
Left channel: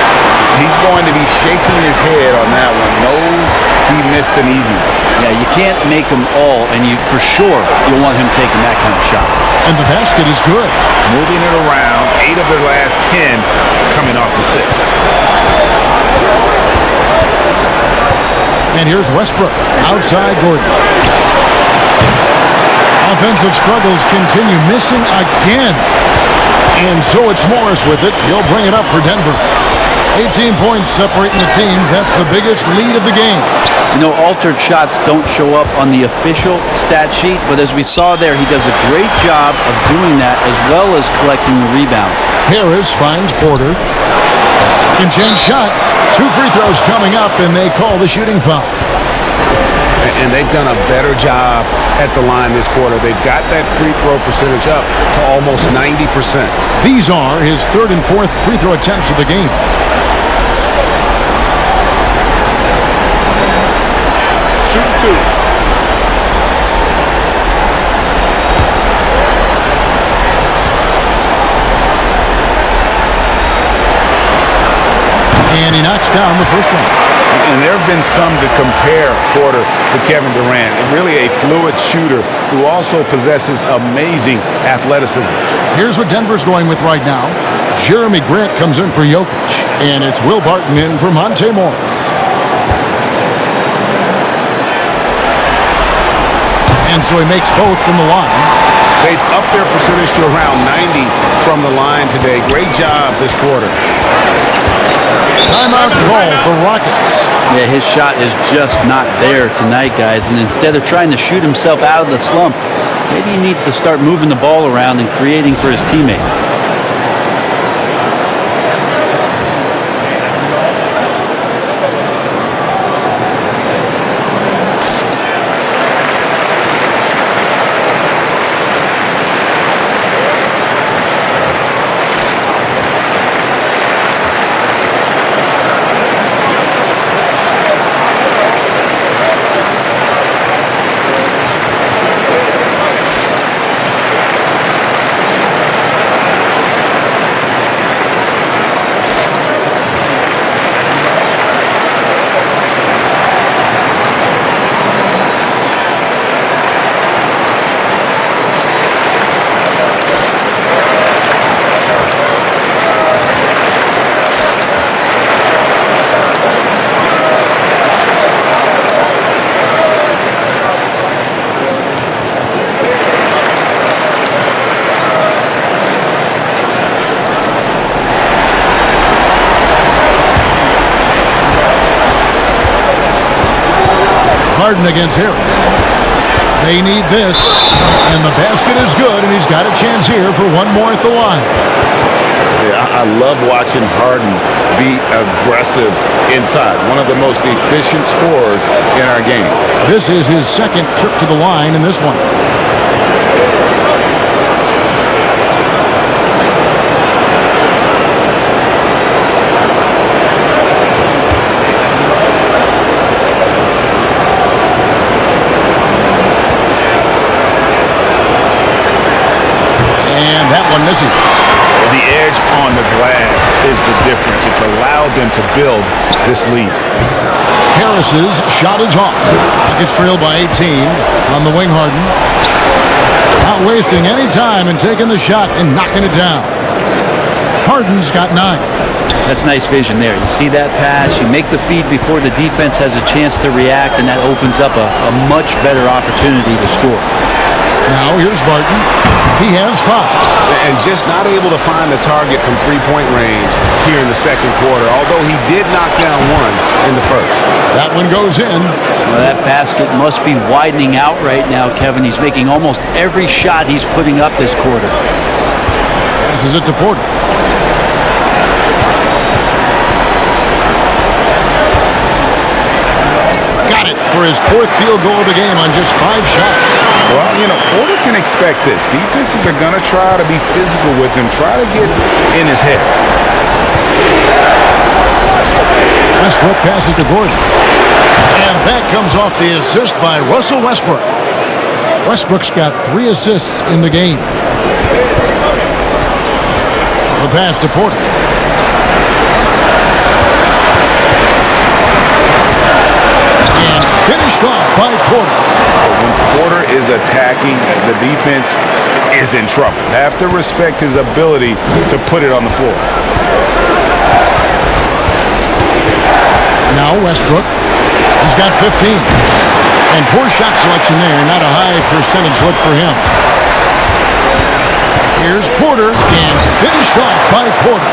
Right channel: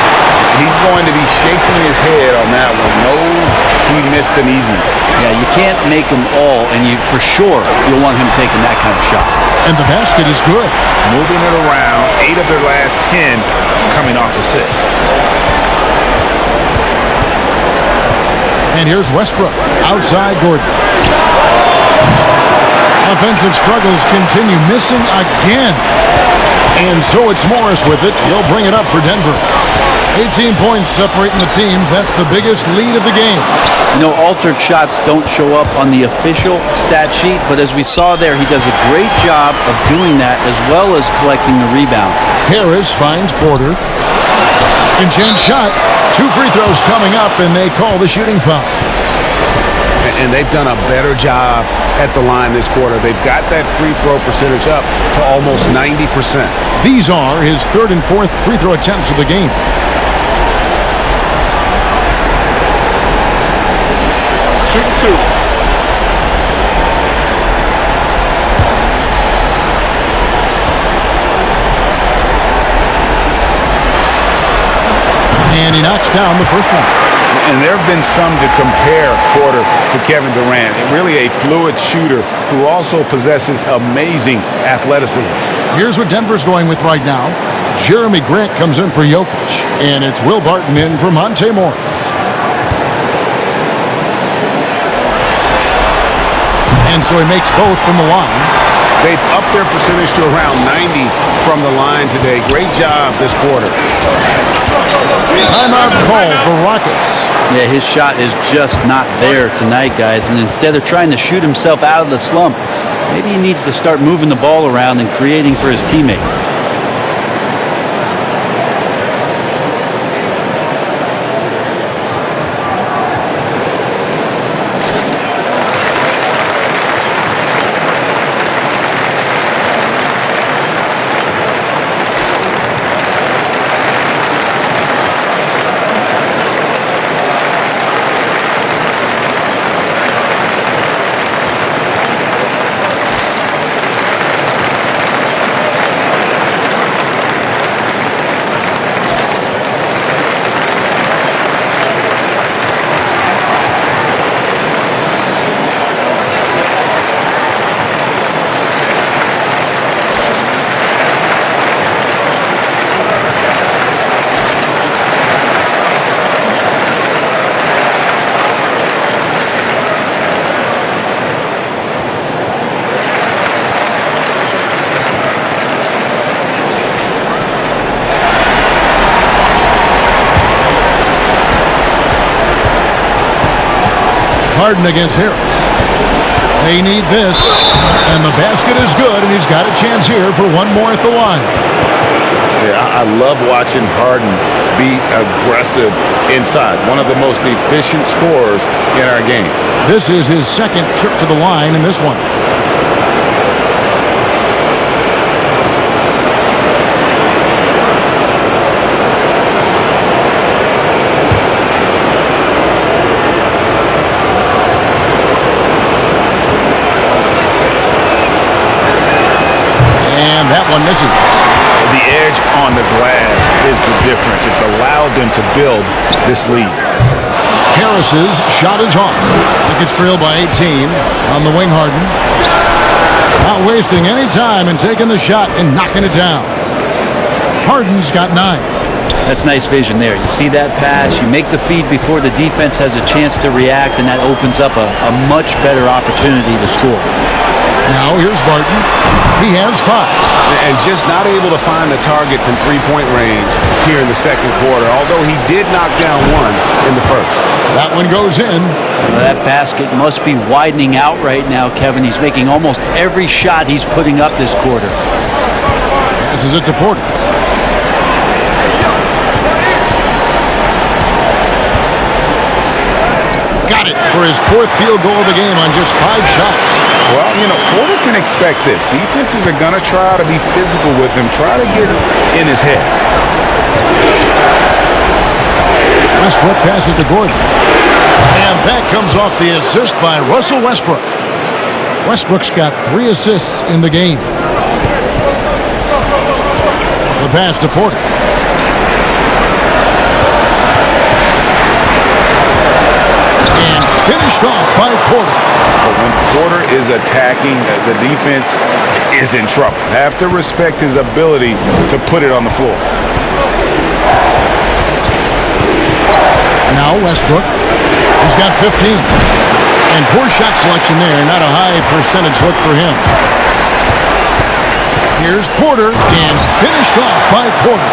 He's going to be shaking his head on that one. Knows he missed an easy one. Yeah, you can't make them all, and you for sure you'll want him taking that kind of shot. And the basket is good. Moving it around, 8 of their last 10 coming off assists. And here's Westbrook. Outside Gordon. Offensive struggles continue. Missing again. And so it's Morris with it. He'll bring it up for Denver. 18 points separating the teams. That's the biggest lead of the game. You know, altered shots don't show up on the official stat sheet, but as we saw there, he does a great job of doing that as well as collecting the rebound. Harris finds Porter. Second chance shot. 2 free throws coming up, and they call the shooting foul. And they've done a better job at the line this quarter. They've got that free throw percentage up to almost 90%. These are his 3rd and 4th free throw attempts of the game. Shooting 2. And he knocks down the first one. And there have been some to compare Porter to Kevin Durant. Really a fluid shooter who also possesses amazing athleticism. Here's what Denver's going with right now. Jeremy Grant comes in for Jokic, and it's Will Barton in for Monte Morris. And so he makes both from the line. They've upped their percentage to around 90 from the line today. Great job this quarter. Timeout call for Rockets. Yeah, his shot is just not there tonight, guys. And instead of trying to shoot himself out of the slump, maybe he needs to start moving the ball around and creating for his teammates. Harden against Harris. They need this, and the basket is good, and he's got a chance here for one more at the line. Yeah, I love watching Harden be aggressive inside. One of the most efficient scorers in our game. This is his 2nd trip to the line in this one. And that one misses. The edge on the glass is the difference. It's allowed them to build this lead. Harris's shot is off. Rockets trail by 18 on the wing. Harden not wasting any time and taking the shot and knocking it down. Harden's got 9. That's nice vision there. You see that pass, you make the feed before the defense has a chance to react, and that opens up a much better opportunity to score. Now here's Barton. He has 5. And just not able to find the target from three-point range here in the second quarter, although he did knock down one in the first. That one goes in. Well, that basket must be widening out right now, Kevin. He's making almost every shot he's putting up this quarter. Passes it to Porter. Got it for his 4th field goal of the game on just 5 shots. Well, you know, Porter can expect this. Defenses are going to try to be physical with him, try to get in his head. Westbrook passes to Gordon. And that comes off the assist by Russell Westbrook. Westbrook's got 3 assists in the game. The pass to Porter. And finished off by Porter. But when Porter is attacking, the defense is in trouble. Have to respect his ability to put it on the floor. Now Westbrook. He's got 15. And poor shot selection there. Not a high percentage look for him. Here's Porter, and finished off by Porter.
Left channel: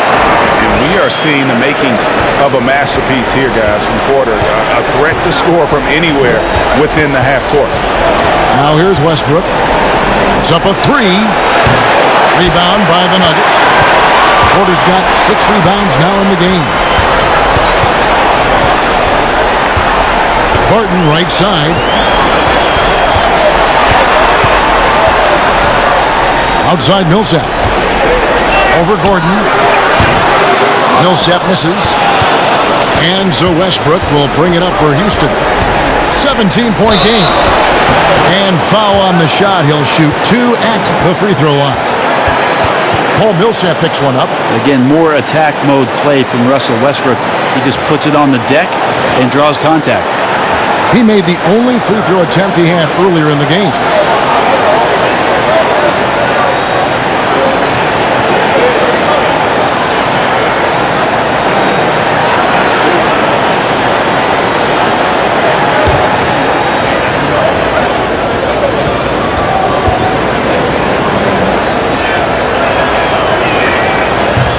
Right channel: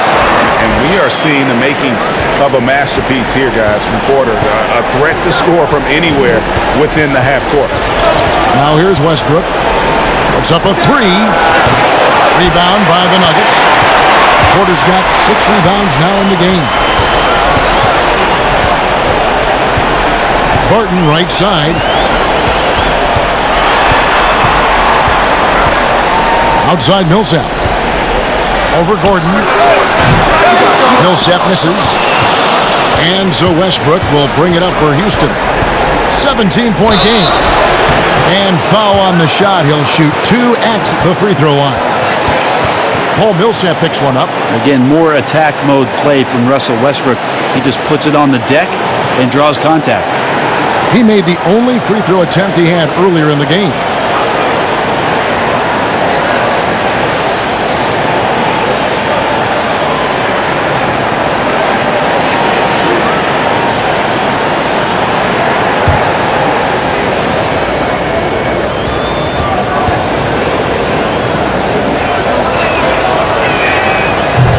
And we are seeing the makings of a masterpiece here, guys, from Porter. A threat to score from anywhere within the half court. Now here's Westbrook. Puts up a 3. Rebound by the Nuggets. Porter's got 6 rebounds now in the game. Barton right side. Outside Millsap. Over Gordon. Millsap misses. And so Westbrook will bring it up for Houston. 17-point game. And foul on the shot. He'll shoot 2 at the free throw line. Paul Millsap picks one up. Again, more attack mode play from Russell Westbrook. He just puts it on the deck and draws contact. He made the only free throw attempt he had earlier in the game.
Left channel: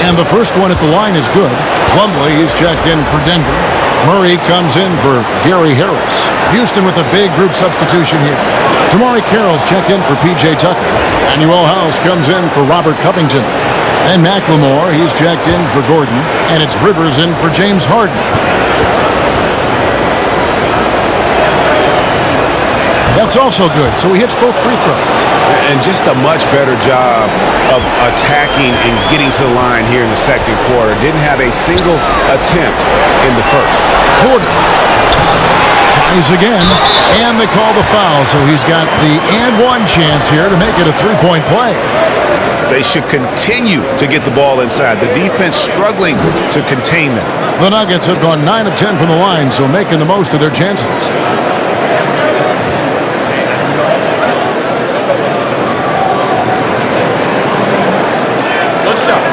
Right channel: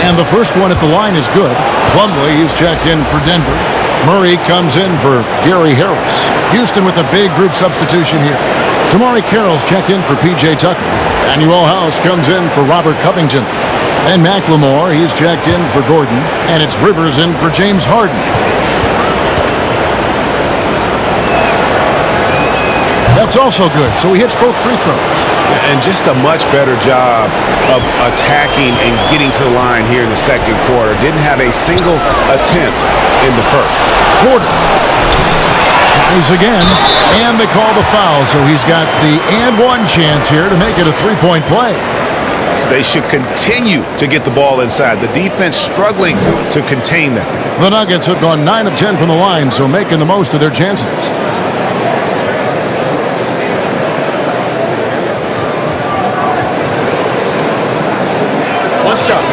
And the first one at the line is good. Plumlee is checked in for Denver. Murray comes in for Gary Harris. Houston with a big group substitution here. Tamari Carroll's checked in for P.J. Tucker. Daniel House comes in for Robert Covington. And McLemore, he's checked in for Gordon. And it's Rivers in for James Harden. That's also good, so he hits both free throws. And just a much better job of attacking and getting to the line here in the second quarter. Didn't have a single attempt in the first. Porter tries again, and they call the foul, so he's got the and one chance here to make it a three-point play. They should continue to get the ball inside. The defense struggling to contain them. The Nuggets have gone 9 of 10 from the line, so making the most of their chances. One shot.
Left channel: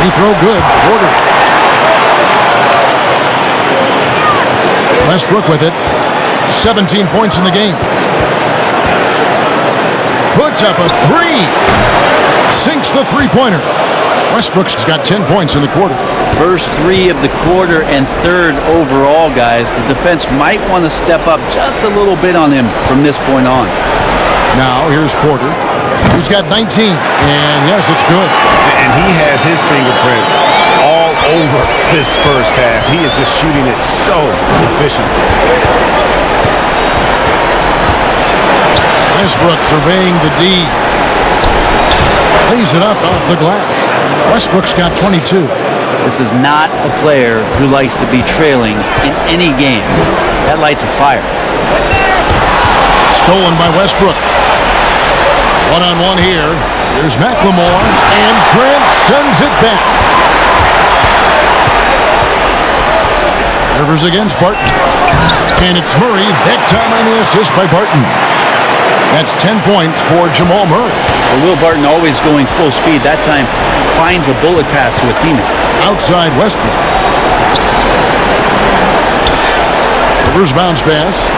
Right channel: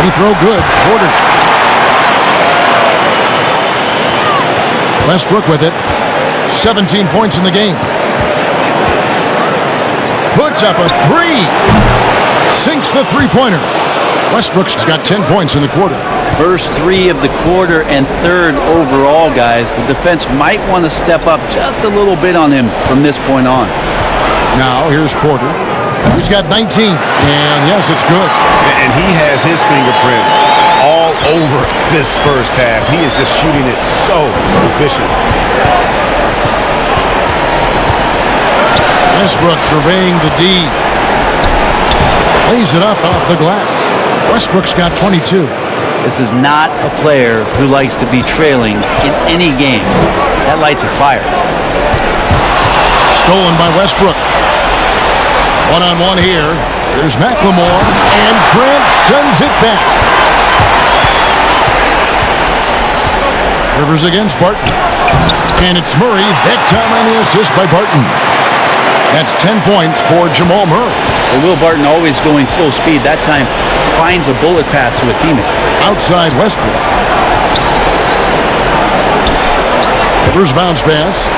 Free throw good. Porter. Westbrook with it. 17 points in the game. Puts up a three. Sinks the three-pointer. Westbrook's got 10 points in the quarter. First 3 of the quarter and 3rd overall, guys. The defense might want to step up just a little bit on him from this point on. Now here's Porter. He's got 19, and yes, it's good. And he has his fingerprints all over this first half. He is just shooting it so efficient. Westbrook surveying the D. Lays it up off the glass. Westbrook's got 22. This is not a player who likes to be trailing in any game. That lights a fire. Stolen by Westbrook. One-on-one here. Here's McLemore, and Grant sends it back. Rivers against Barton. And it's Murray, that time on the assist by Barton. That's 10 points for Jamal Murray. And Will Barton, always going full speed, that time finds a bullet pass to a teammate. Outside Westbrook. Rivers bounce pass.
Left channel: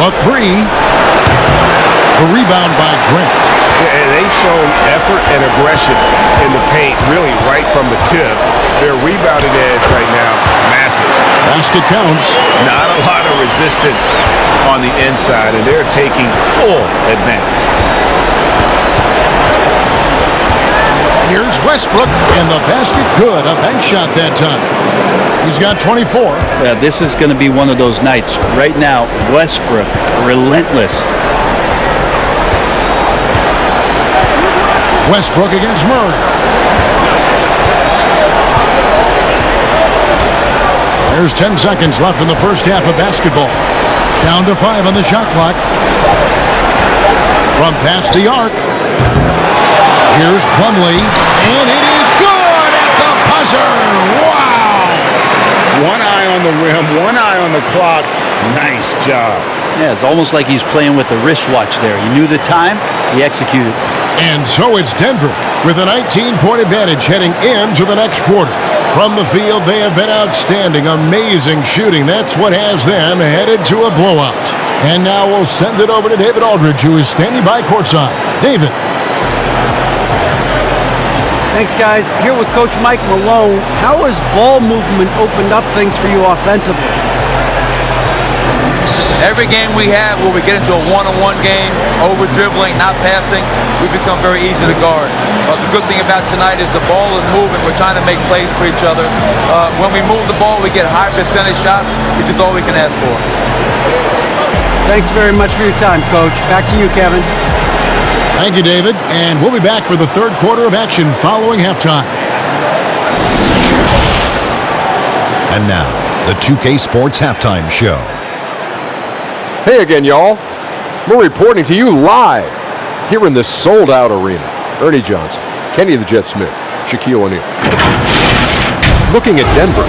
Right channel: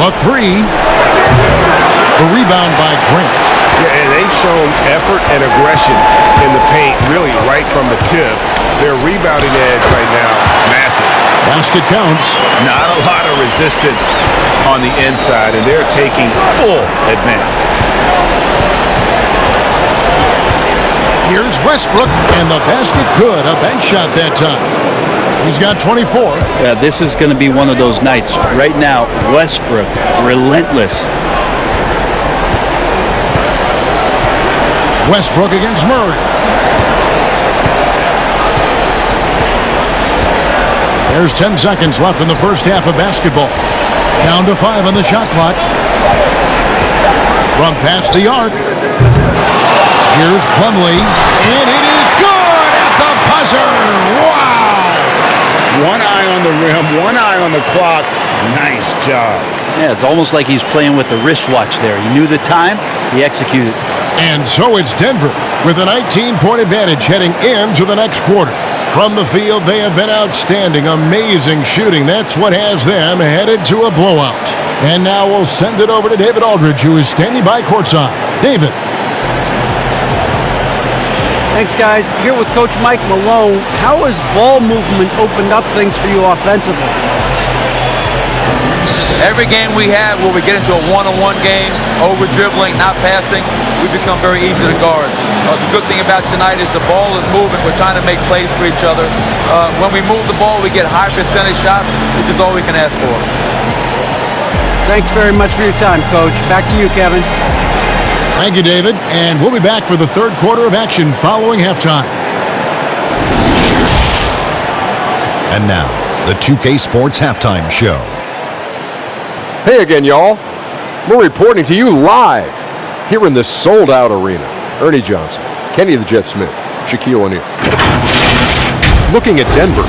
The three. The rebound by Grant. Yeah, and they've shown effort and aggression in the paint, really right from the tip. Their rebounding edge right now, massive. Basket counts. Not a lot of resistance on the inside, and they're taking full advantage. Here's Westbrook, and the basket good. A bank shot that time. He's got 24. Yeah, this is going to be one of those nights. Right now, Westbrook, relentless. Westbrook against Murray. There's 10 seconds left in the first half of basketball. Down to 5 on the shot clock. From past the arc. Here's Plumlee, and it is good at the buzzer. Wow! One eye on the rim, one eye on the clock. Nice job. Yeah, it's almost like he's playing with a wristwatch there. He knew the time, he executed. And so it's Denver with a 19-point advantage heading into the next quarter. From the field, they have been outstanding. Amazing shooting. That's what has them headed to a blowout. And now we'll send it over to David Aldridge, who is standing by courtside. David. Thanks, guys. Here with Coach Mike Malone. How has ball movement opened up things for you offensively? Every game we have where we get into a one-on-one game, over dribbling, not passing, we become very easy to guard. The good thing about tonight is the ball is moving. We're trying to make plays for each other. When we move the ball, we get high percentage shots, which is all we can ask for. Thanks very much for your time, Coach. Back to you, Kevin. Thank you, David. And we'll be back for the third quarter of action following halftime. And now, the 2K Sports Halftime Show. Hey again, y'all. We're reporting to you live here in this sold-out arena. Ernie Johnson, Kenny the Jet Smith, Shaquille O'Neal. Looking at Denver,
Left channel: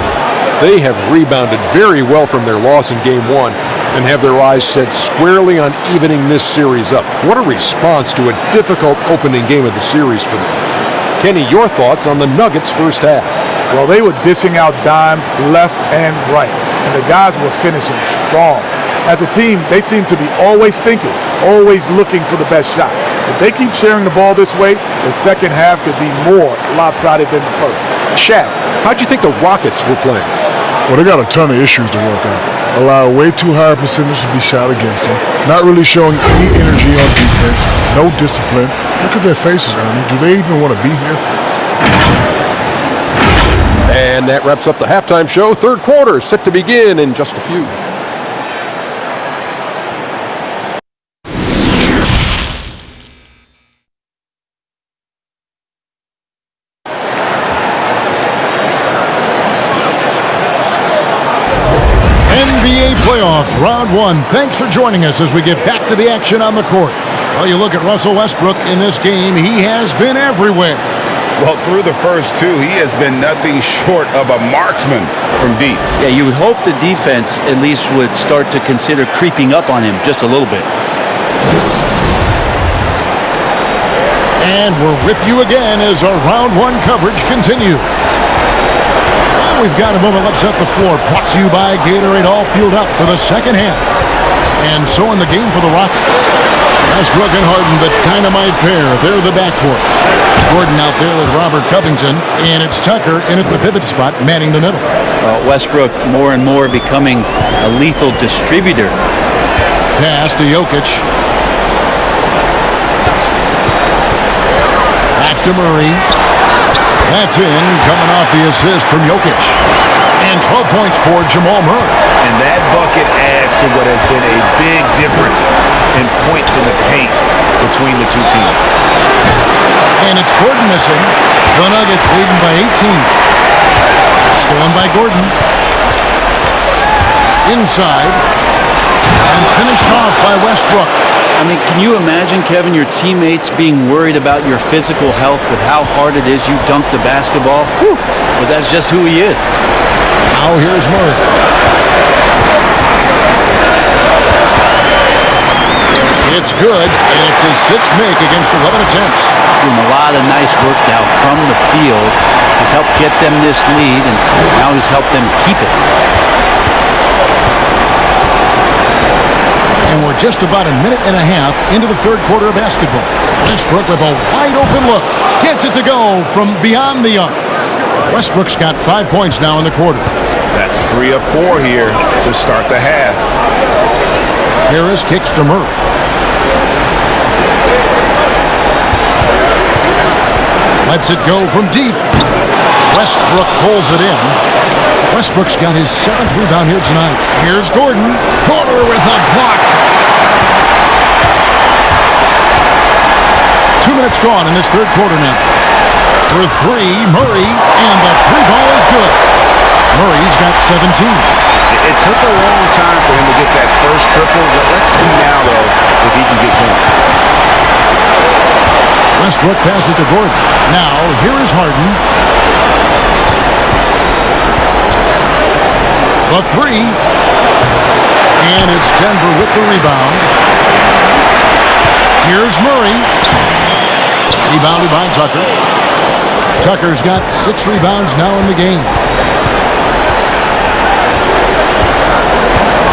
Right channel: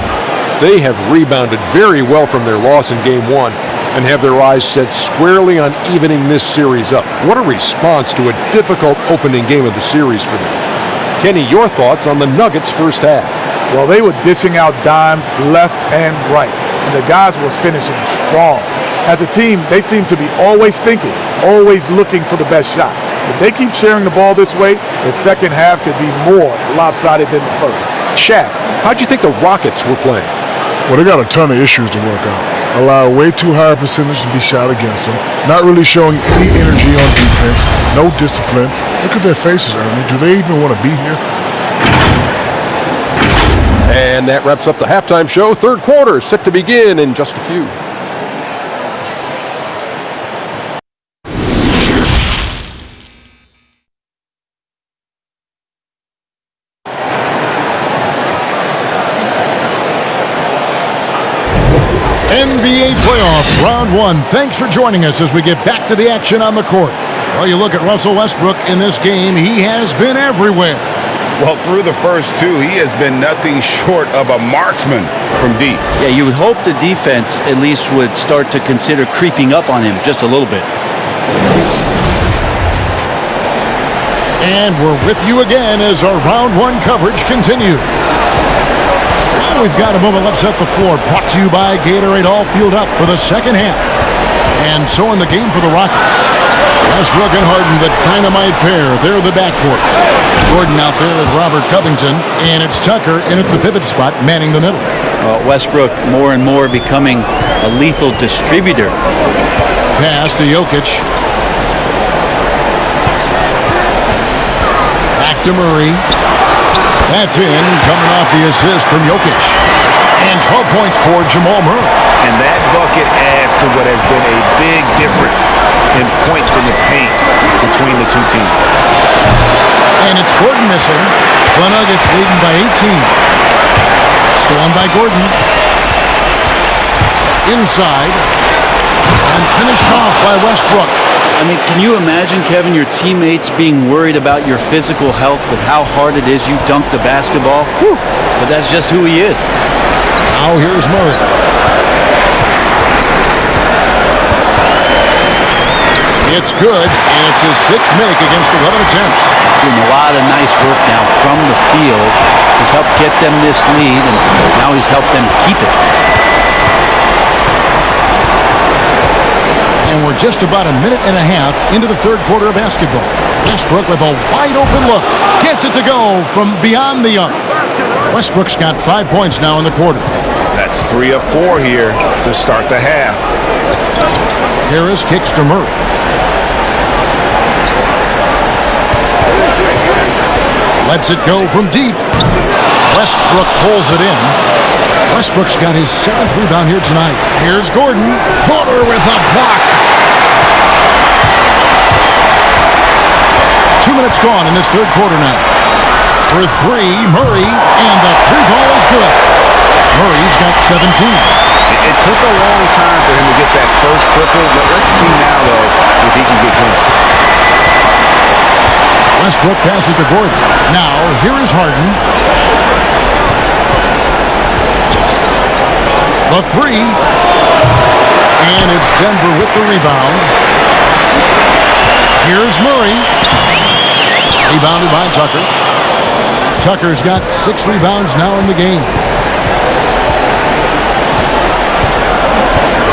they have rebounded very well from their loss in Game 1 and have their eyes set squarely on evening this series up. What a response to a difficult opening game of the series for them. Kenny, your thoughts on the Nuggets' first half? Well, they were dishing out dimes left and right, and the guys were finishing strong. As a team, they seem to be always thinking, always looking for the best shot. If they keep sharing the ball this way, the second half could be more lopsided than the first. Shaq, how'd you think the Rockets were playing? Well, they got a ton of issues to work out. Allow way too high a percentage to be shot against them. Not really showing any energy on defense. No discipline. Look at their faces, Ernie. Do they even want to be here? And that wraps up the halftime show. Third quarter set to begin in just a few. NBA playoff round 1. Thanks for joining us as we get back to the action on the court. Well, you look at Russell Westbrook in this game. He has been everywhere. Well, through the first two, he has been nothing short of a marksman from deep. Yeah, you would hope the defense at least would start to consider creeping up on him just a little bit. And we're with you again as our round 1 coverage continues. Well, we've got a moment. Let's set the floor. Brought to you by Gatorade. All fueled up for the second half. And so in the game for the Rockets, Westbrook and Harden, the dynamite pair. They're the backcourt. Gordon out there with Robert Covington, and it's Tucker in at the pivot spot, manning the middle. Westbrook more and more becoming a lethal distributor. Pass to Jokic. Back to Murray. That's in, coming off the assist from Jokic. And 12 points for Jamal Murray. And that bucket adds to what has been a big difference in points in the paint between the two teams. And it's Gordon missing. The Nuggets leading by 18. Stolen by Gordon. Inside. And finished off by Westbrook. I mean, can you imagine, Kevin, your teammates being worried about your physical health with how hard it is you dunk the basketball? Whew. But that's just who he is. Now here's Murray. It's good, and it's his 6th make against 11 attempts. Doing a lot of nice work now from the field. He's helped get them this lead, and now he's helped them keep it. And we're just about a minute and a half into the third quarter of basketball. Westbrook with a wide open look. Gets it to go from beyond the arc. Westbrook's got 5 points now in the quarter. That's 3 of 4 here to start the half. Harris kicks to Murray. Lets it go from deep. Westbrook pulls it in. Westbrook's got his 7th rebound here tonight. Here's Gordon. Corner with a block. 2 minutes gone in this third quarter now. For 3, Murray, and the 3-ball is good. Murray's got 17. It took a long time for him to get that first triple. Let's see now, though, if he can get going. Westbrook passes to Gordon. Now, here is Harden. The 3. And it's Denver with the rebound. Here's Murray. Rebounded by Tucker. Tucker's got 6 rebounds now in the game.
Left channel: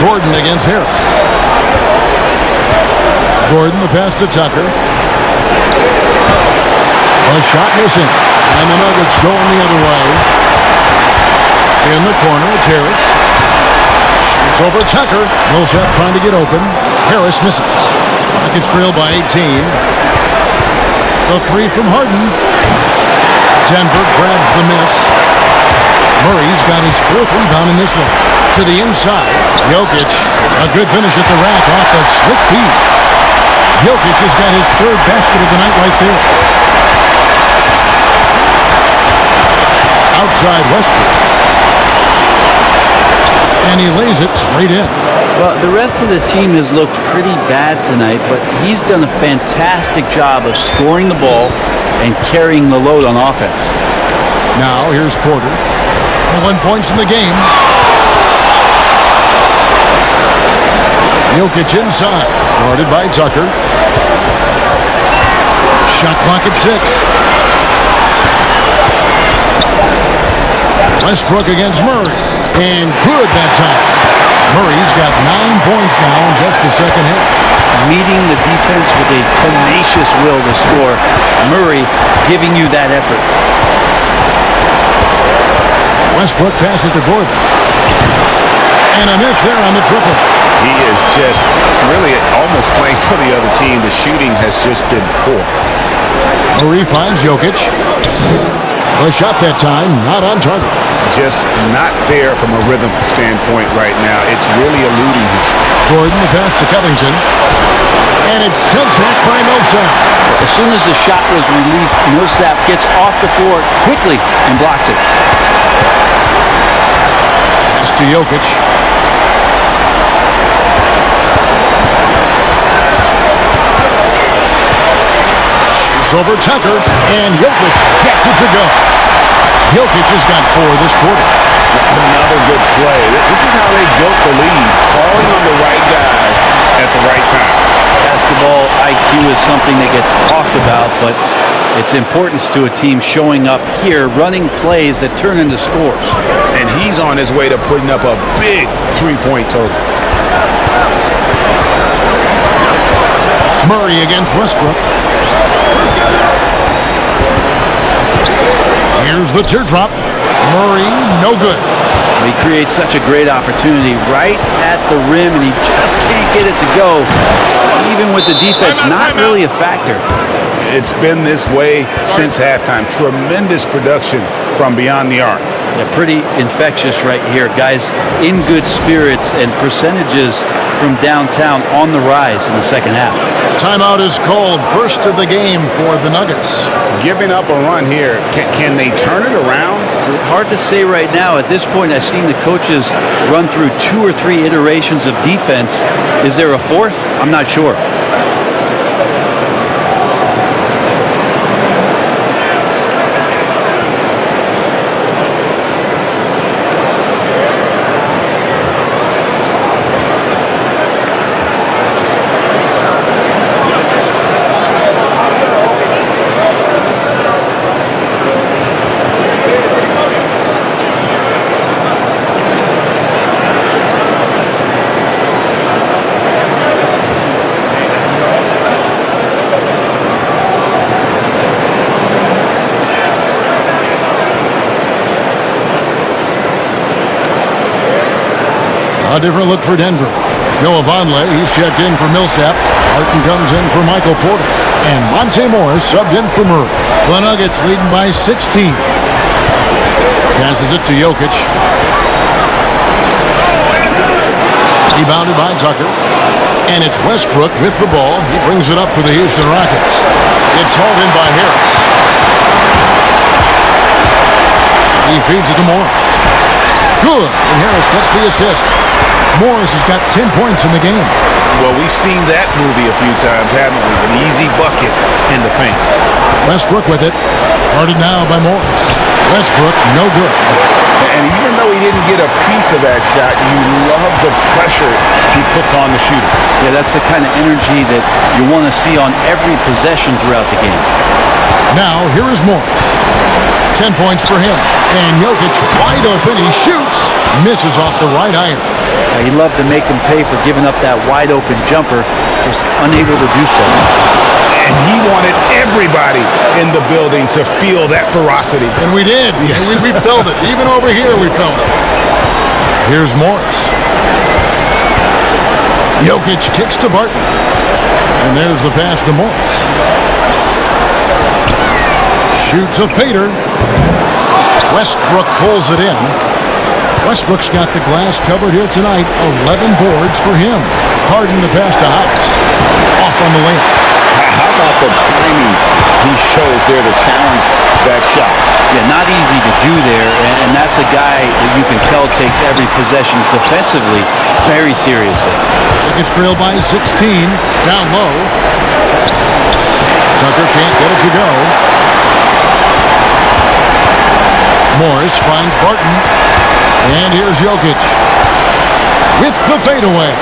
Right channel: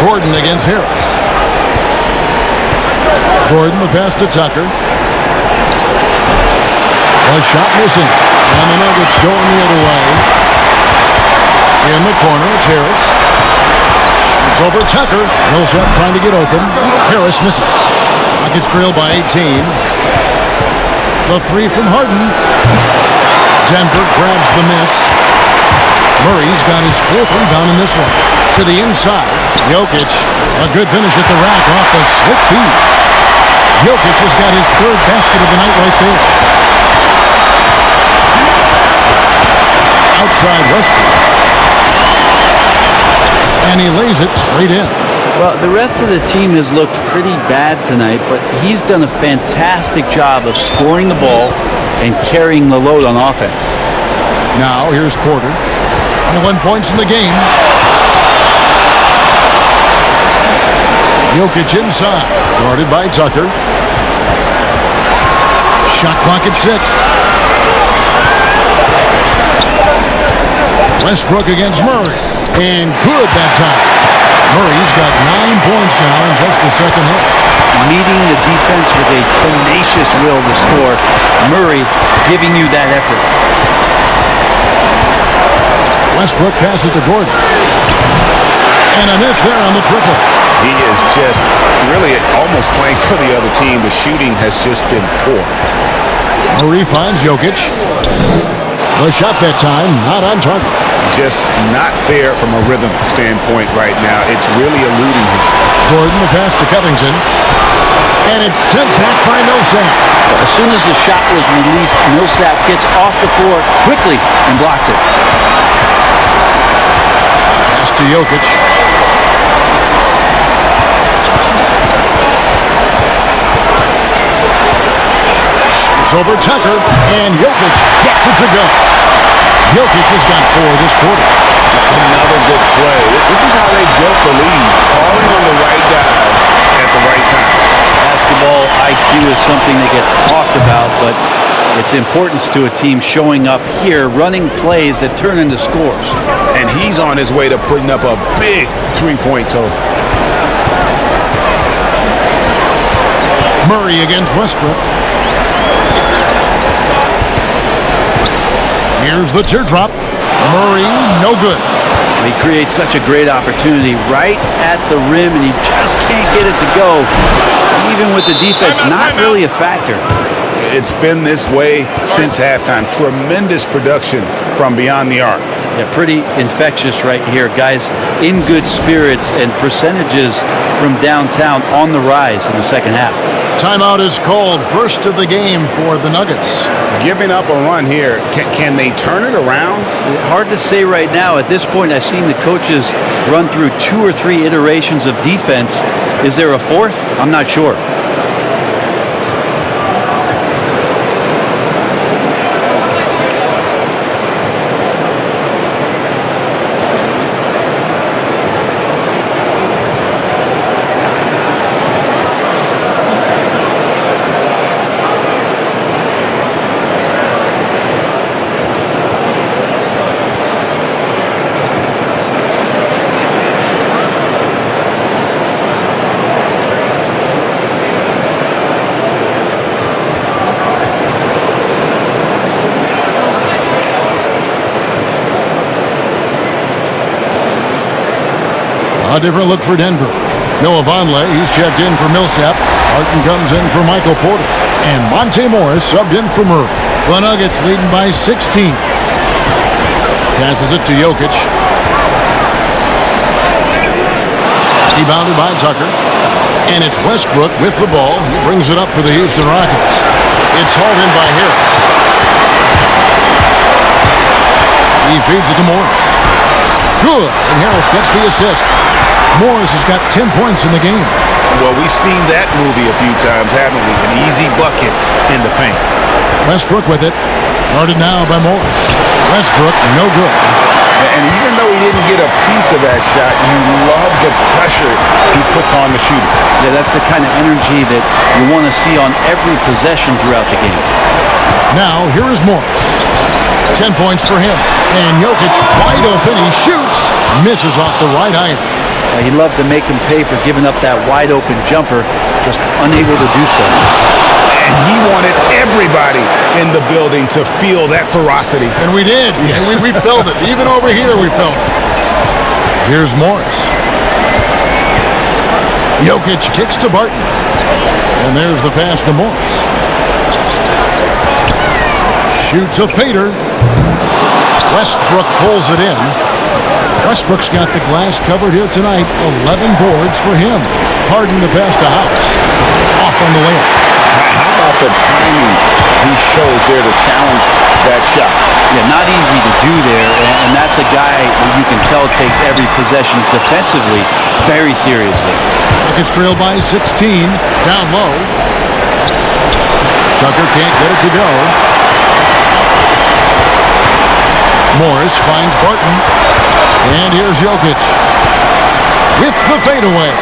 Gordon against Harris. Gordon the pass to Tucker. A shot missing. And the Nuggets going the other way. In the corner, it's Harris. It's over Tucker. Millsap trying to get open. Harris misses. Rockets trail by 18. The three from Harden. Denver grabs the miss. Murray's got his 4th rebound in this one. To the inside. Jokic. A good finish at the rack off the slick feed. Jokic has got his 3rd basket of the night right there. Outside Westbrook. And he lays it straight in. Well, the rest of the team has looked pretty bad tonight, but he's done a fantastic job of scoring the ball and carrying the load on offense. Now, here's Porter. 21 points in the game. Jokic inside. Guarded by Tucker. Shot clock at 6. Westbrook against Murray. And good that time. Murray's got 9 points now in just the second half. Meeting the defense with a tenacious will to score. Murray giving you that effort. Westbrook passes to Gordon. And a miss there on the triple. He is just really almost playing for the other team. The shooting has just been poor. Murray finds Jokic. The shot that time, not on target. Just not there from a rhythm standpoint right now. It's really eluding him. Gordon, the pass to Covington. And it's sent back by Millsap. As soon as the shot was released, Millsap gets off the floor quickly and blocks it. Pass to Jokic. Shoots over Tucker. And Jokic gets it to go. Jokic has got 4 this quarter. Another good play. This is how they built the lead, calling on the right guys at the right time. Basketball IQ is something that gets talked about, but its importance to a team showing up here, running plays that turn into scores. And he's on his way to putting up a big 3-point total. Murray against Westbrook. Here's the teardrop. Murray, no good. He creates such a great opportunity right at the rim, and he just can't get it to go. Even with the defense, not really a factor. It's been this way since halftime. Tremendous production from beyond the arc. Yeah, pretty infectious right here. Guys in good spirits and percentages from downtown on the rise in the second half. Timeout is called. First of the game for the Nuggets. Giving up a run here. Can they turn it around? Hard to say right now. At this point, I've seen the coaches run through 2 or 3 iterations of defense. Is there a 4th? I'm not sure. A different look for Denver. Noah Vonleh, he's checked in for Millsap. Harden comes in for Michael Porter. And Monte Morris subbed in for Murray. The Nuggets leading by 16. Passes it to Jokic. Rebounded by Tucker. And it's Westbrook with the ball. He brings it up for the Houston Rockets. It's hauled in by Harris. He feeds it to Morris. Good, and Harris gets the assist. Morris has got 10 points in the game. Well, we've seen that movie a few times, haven't we? An easy bucket in the paint. Westbrook with it. Guarded now by Morris. Westbrook, no good. And even though he didn't get a piece of that shot, you love the pressure he puts on the shooter. Yeah, that's the kind of energy that you want to see on every possession throughout the game. Now, here is Morris. 10 points for him. And Jokic wide open. He shoots. Misses off the right iron. He'd love to make them pay for giving up that wide open jumper. Just unable to do so. And he wanted everybody in the building to feel that ferocity. And we did. Yeah. We felt it. Even over here, we felt it. Here's Morris. Jokic kicks to Barton. And there's the pass to Morris. Shoots a fader. Westbrook pulls it in. Westbrook's got the glass covered here tonight. 11 boards for him. Harden the pass to House. Off on the layup. How about the timing he shows there to challenge that shot? Yeah, not easy to do there, and that's a guy that you can tell takes every possession defensively very seriously. Nuggets trail by 16. Down low. Tucker can't get it to go. Morris finds Barton. And here's Jokic with the fadeaway.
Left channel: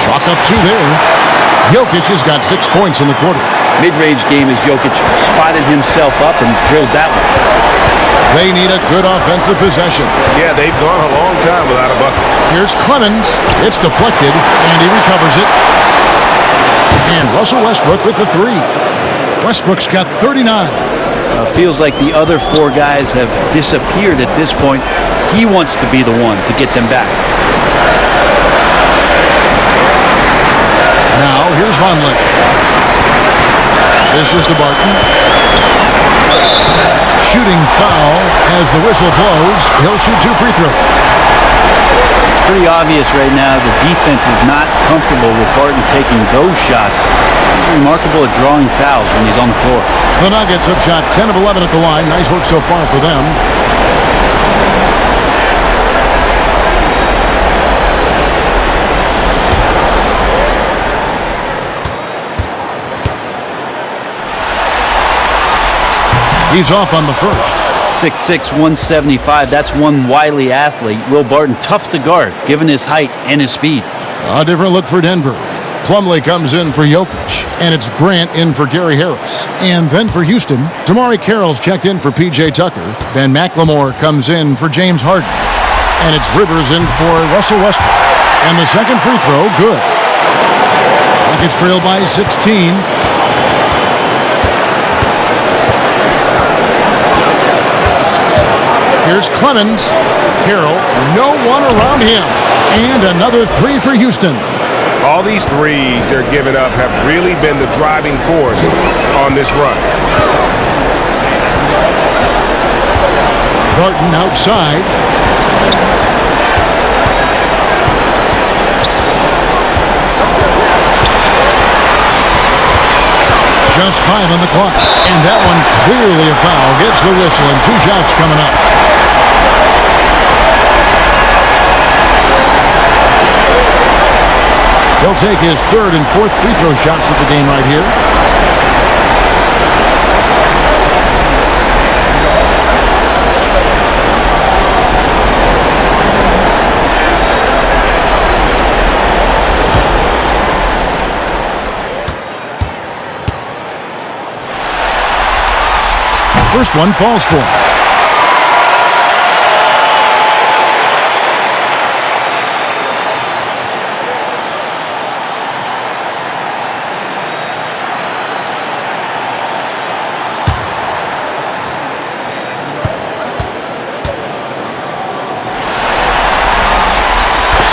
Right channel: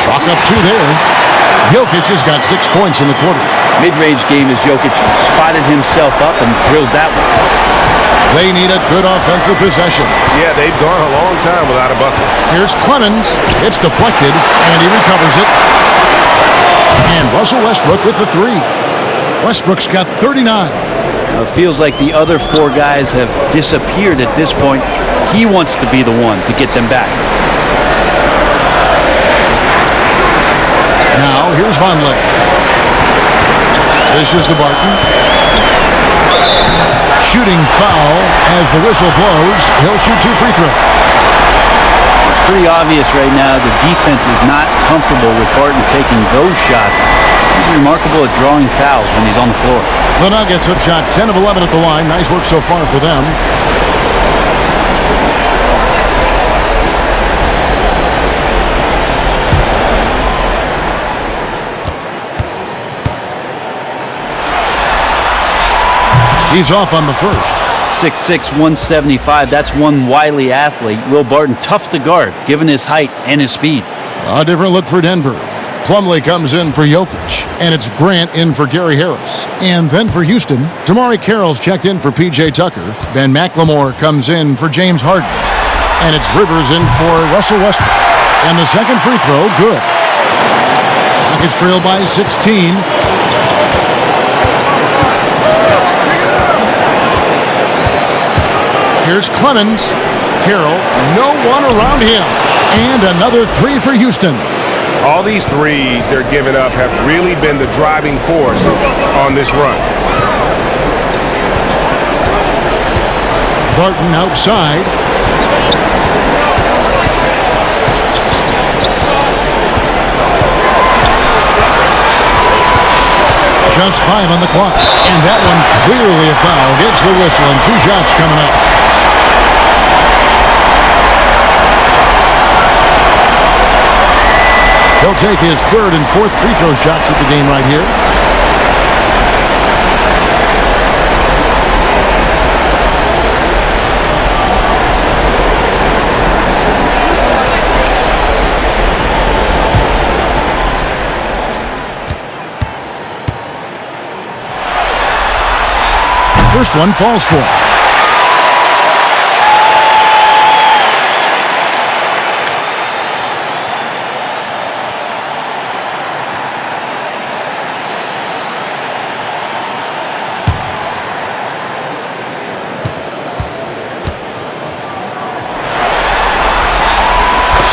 Chalk up 2 there. Jokic has got 6 points in the quarter. Mid-range game as Jokic spotted himself up and drilled that one. They need a good offensive possession. Yeah, they've gone a long time without a bucket. Here's Clemens. It's deflected, and he recovers it. And Russell Westbrook with the 3. Westbrook's got 39. Feels like the other 4 guys have disappeared at this point. He wants to be the one to get them back. Now, here's Vonleh. This is to Barton. Shooting foul as the whistle blows. He'll shoot 2 free throws. It's pretty obvious right now the defense is not comfortable with Barton taking those shots. He's remarkable at drawing fouls when he's on the floor. The Nuggets have shot 10 of 11 at the line. Nice work so far for them. He's off on the first. 6'6", 175. That's one wily athlete. Will Barton, tough to guard, given his height and his speed. A different look for Denver. Plumlee comes in for Jokic, and it's Grant in for Gary Harris. And then for Houston, Damari Carroll's checked in for P.J. Tucker. Ben McLemore comes in for James Harden. And it's Rivers in for Russell Westbrook. And the second free throw, good. Rockets trail by 16. Here's Clemens. Carroll, no one around him. And another 3 for Houston. All these threes they're giving up have really been the driving force on this run. Barton outside. Just 5 on the clock. And that one clearly a foul. Gets the whistle and 2 shots coming up. He'll take his 3rd and 4th free throw shots at the game right here. First one falls for him.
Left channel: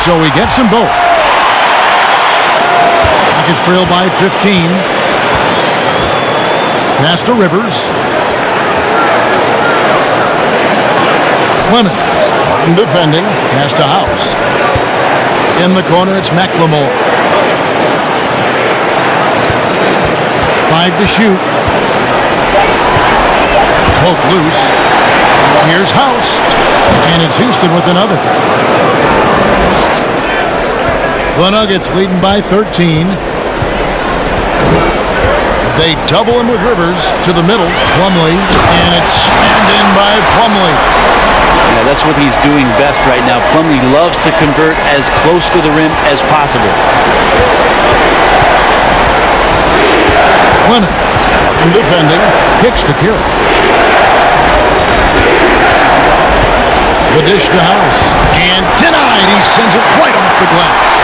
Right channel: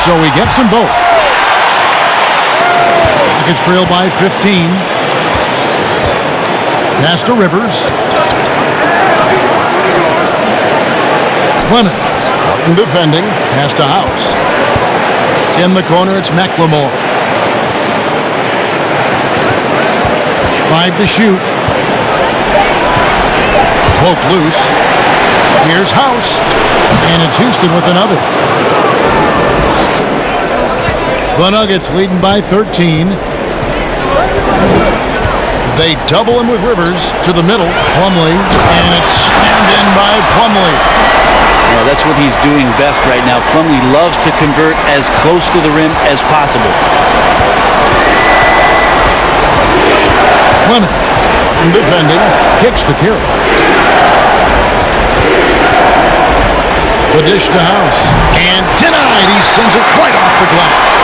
So he gets them both. Rockets trail by 15. Pass to Rivers. Clemens. Barton defending. Pass to House. In the corner, it's McLemore. 5 to shoot. Poked loose. Here's House. And it's Houston with another. The Nuggets leading by 13. They double him with Rivers to the middle. Plumlee. And it's slammed in by Plumlee. Yeah, that's what he's doing best right now. Plumlee loves to convert as close to the rim as possible. Clemens. Barton defending. Kicks to Carroll. The dish to House. And denied. He sends it right off the glass.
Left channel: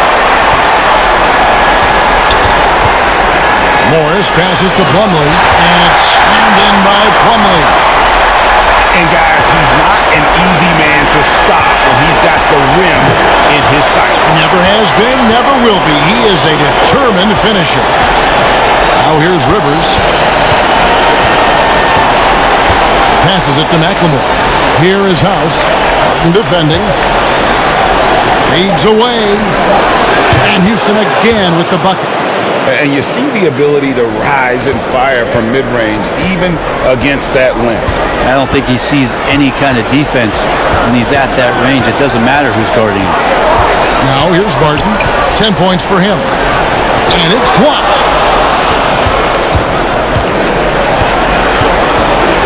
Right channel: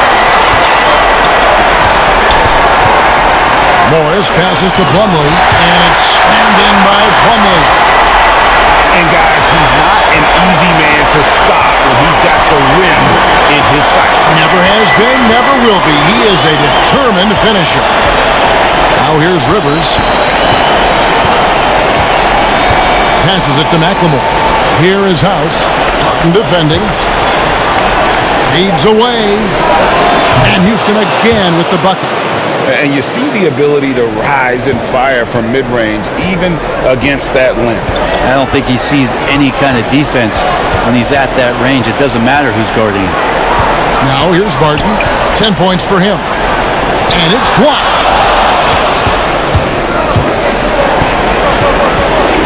Morris passes to Plumlee, and it's slammed in by Plumlee. And guys, he's not an easy man to stop when he's got the rim in his sights. Never has been, never will be. He is a determined finisher. Now here's Rivers. Passes it to McLemore. Here is House. Harden defending. Fades away. And Houston again with the bucket. And you see the ability to rise and fire from mid-range, even against that length. I don't think he sees any kind of defense when he's at that range. It doesn't matter who's guarding him. Now here's Barton. 10 points for him. And it's blocked.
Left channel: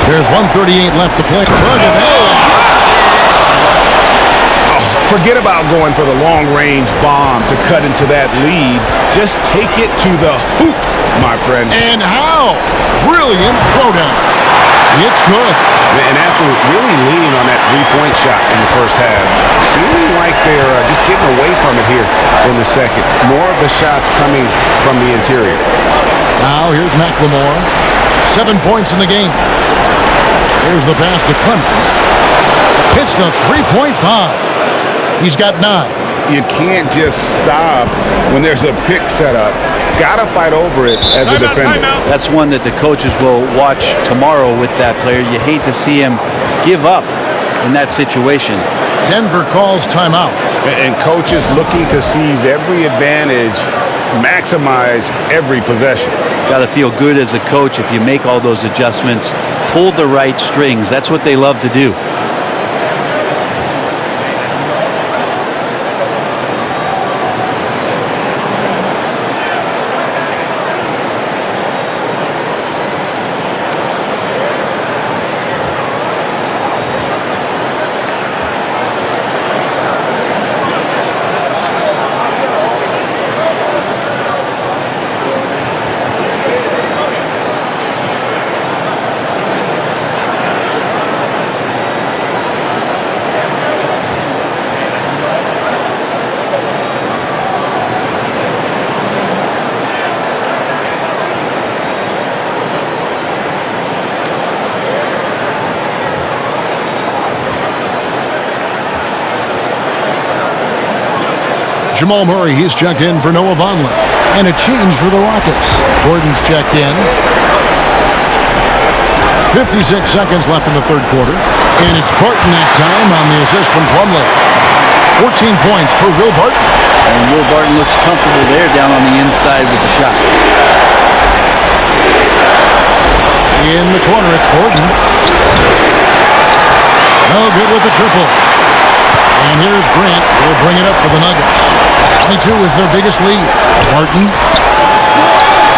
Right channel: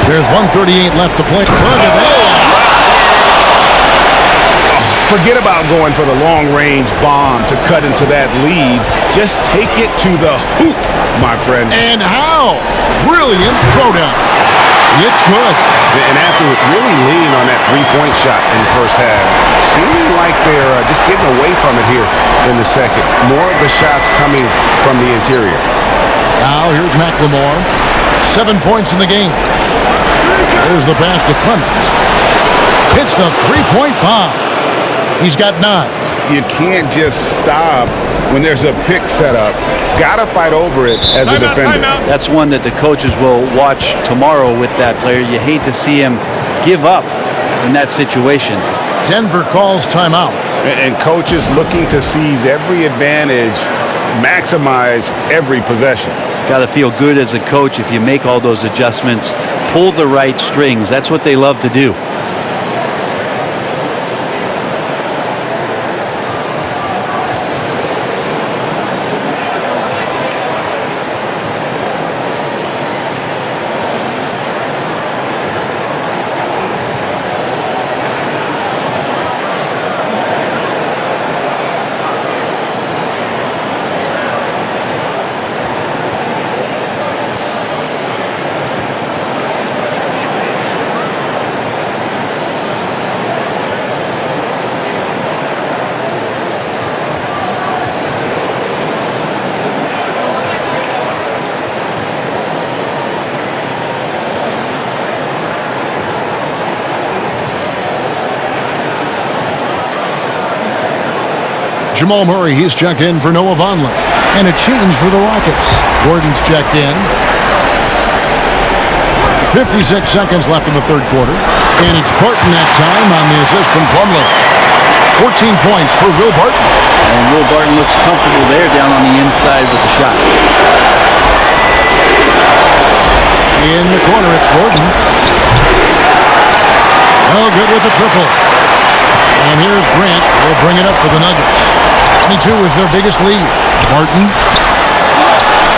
There's 1:38 left to play. Look at that. Forget about going for the long-range bomb to cut into that lead. Just take it to the hoop, my friend. And how? Brilliant throwdown. It's good. And after really leaning on that three-point shot in the first half, seeming like they're just getting away from it here in the second. More of the shots coming from the interior. Now here's McLemore. 7 points in the game. There's the pass to Clemens. Hits the three-point bomb. He's got 9. You can't just stop when there's a pick set up. Gotta fight over it as a defender. That's one that the coaches will watch tomorrow with that player. You hate to see him give up in that situation. Denver calls timeout. And coaches looking to seize every advantage, maximize every possession. Got to feel good as a coach if you make all those adjustments, pull the right strings. That's what they love to do. Jamal Murray, he's checked in for Noah Vonleh. And a change for the Rockets. Gordon's checked in. 56 seconds left in the third quarter. And it's Barton that time on the assist from Plumlee. 14 points for Will Barton. And Will Barton looks comfortable there down on the inside with the shot. In the corner, it's Gordon. Oh, good with the triple. And here's Grant. Will bring it up for the Nuggets. 22 is their biggest lead. Barton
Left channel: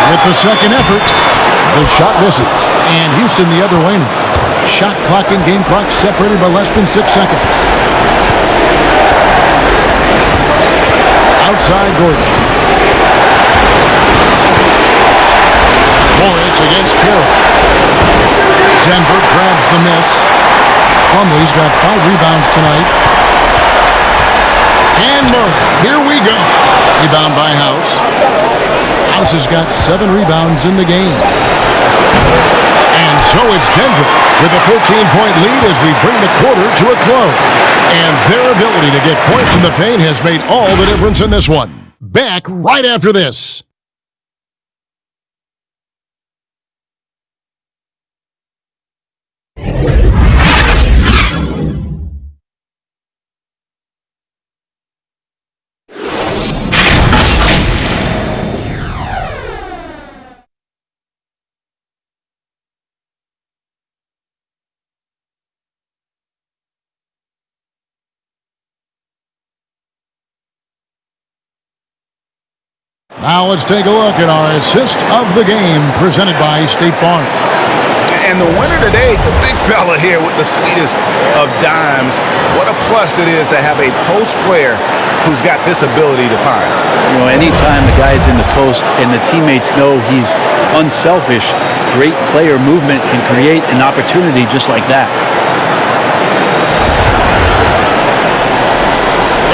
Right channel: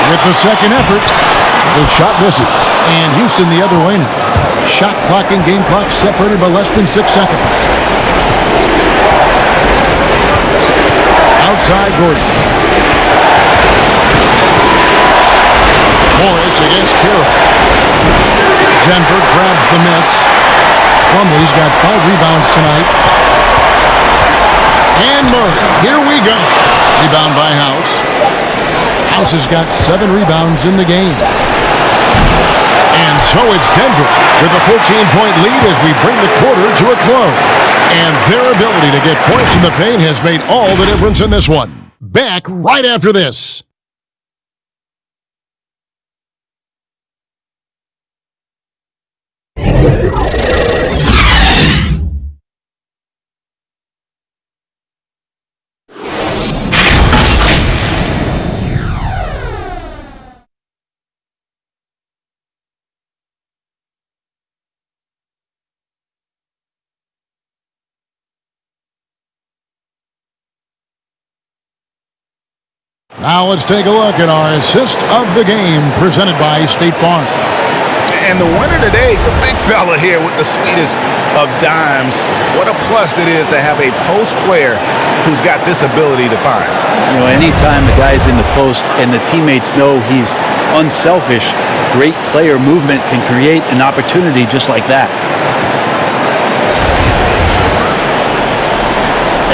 with the second effort. The shot misses. And Houston the other way now. Shot clock and game clock separated by less than 6 seconds. Outside Gordon. Morris against Carroll. Denver grabs the miss. Plumlee's got 5 rebounds tonight. And Murray, here we go. Rebound by House. House has got 7 rebounds in the game. And so it's Denver with a 14-point lead as we bring the quarter to a close. And their ability to get points in the paint has made all the difference in this one. Back right after this. Now let's take a look at our assist of the game presented by State Farm. And the winner today, the big fella here with the sweetest of dimes. What a plus it is to have a post player who's got this ability to find. You know, anytime the guy's in the post and the teammates know he's unselfish, great player movement can create an opportunity just like that.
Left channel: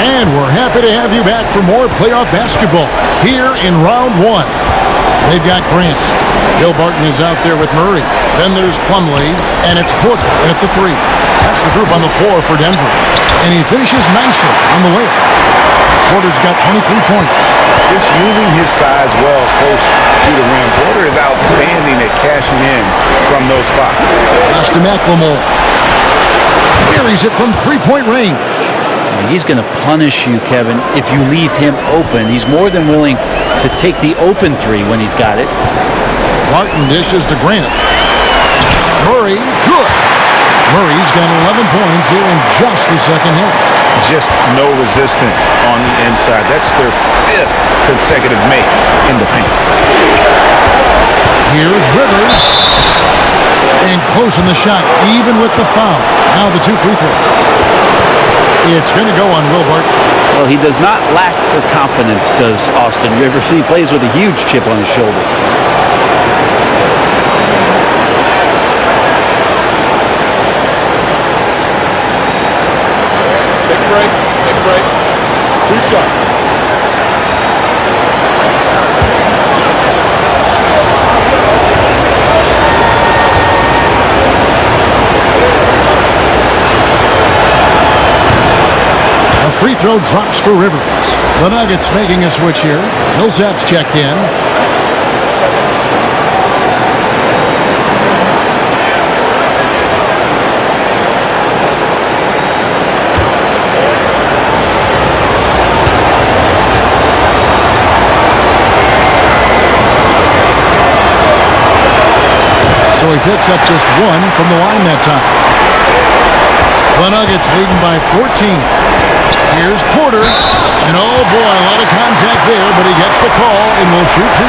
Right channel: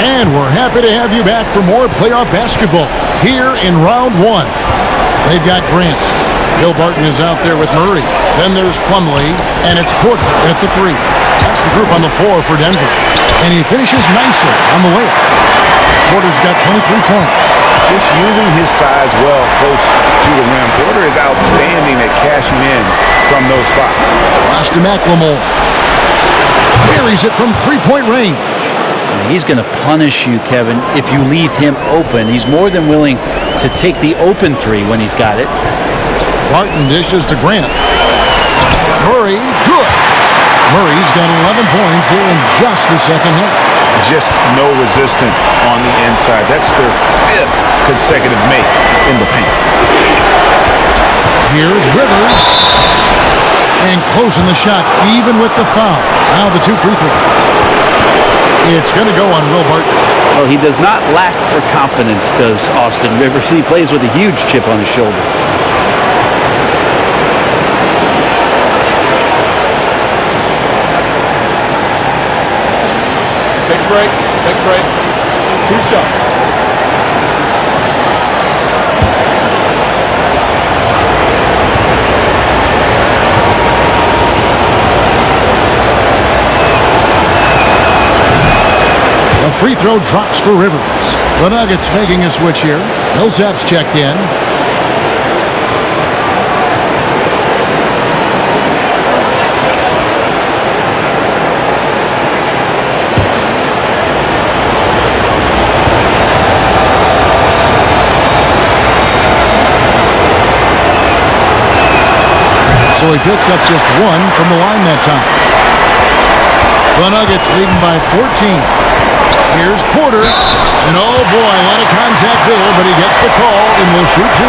And we're happy to have you back for more playoff basketball here in round 1. They've got Grant. Will Barton is out there with Murray. Then there's Plumlee, and it's Porter at the 3. That's the group on the floor for Denver. And he finishes nicely on the layup. Porter's got 23 points. Just using his size well close to the rim. Porter is outstanding at cashing in from those spots. Pass to McLemore. Buries it from three-point range. He's going to punish you, Kevin, if you leave him open. He's more than willing to take the open three when he's got it. Barton dishes to Grant. Murray, good. Murray's got 11 points here in just the second half. Just no resistance on the inside. That's their 5th consecutive make in the paint. Here's Rivers. And closing the shot, even with the foul. Now the 2 free throws. It's going to go on Will Barton. Well, he does not lack for confidence, does Austin Rivers. He plays with a huge chip on his shoulder. Take a break. Take a break. 2 shots. A free throw drops for Rivers. The Nuggets making a switch here. Millsap's checked in. So he picks up just 1 from the line that time. The Nuggets leading by 14. Here's Porter, and oh boy, a lot of contact there, but he gets the call and will shoot 2.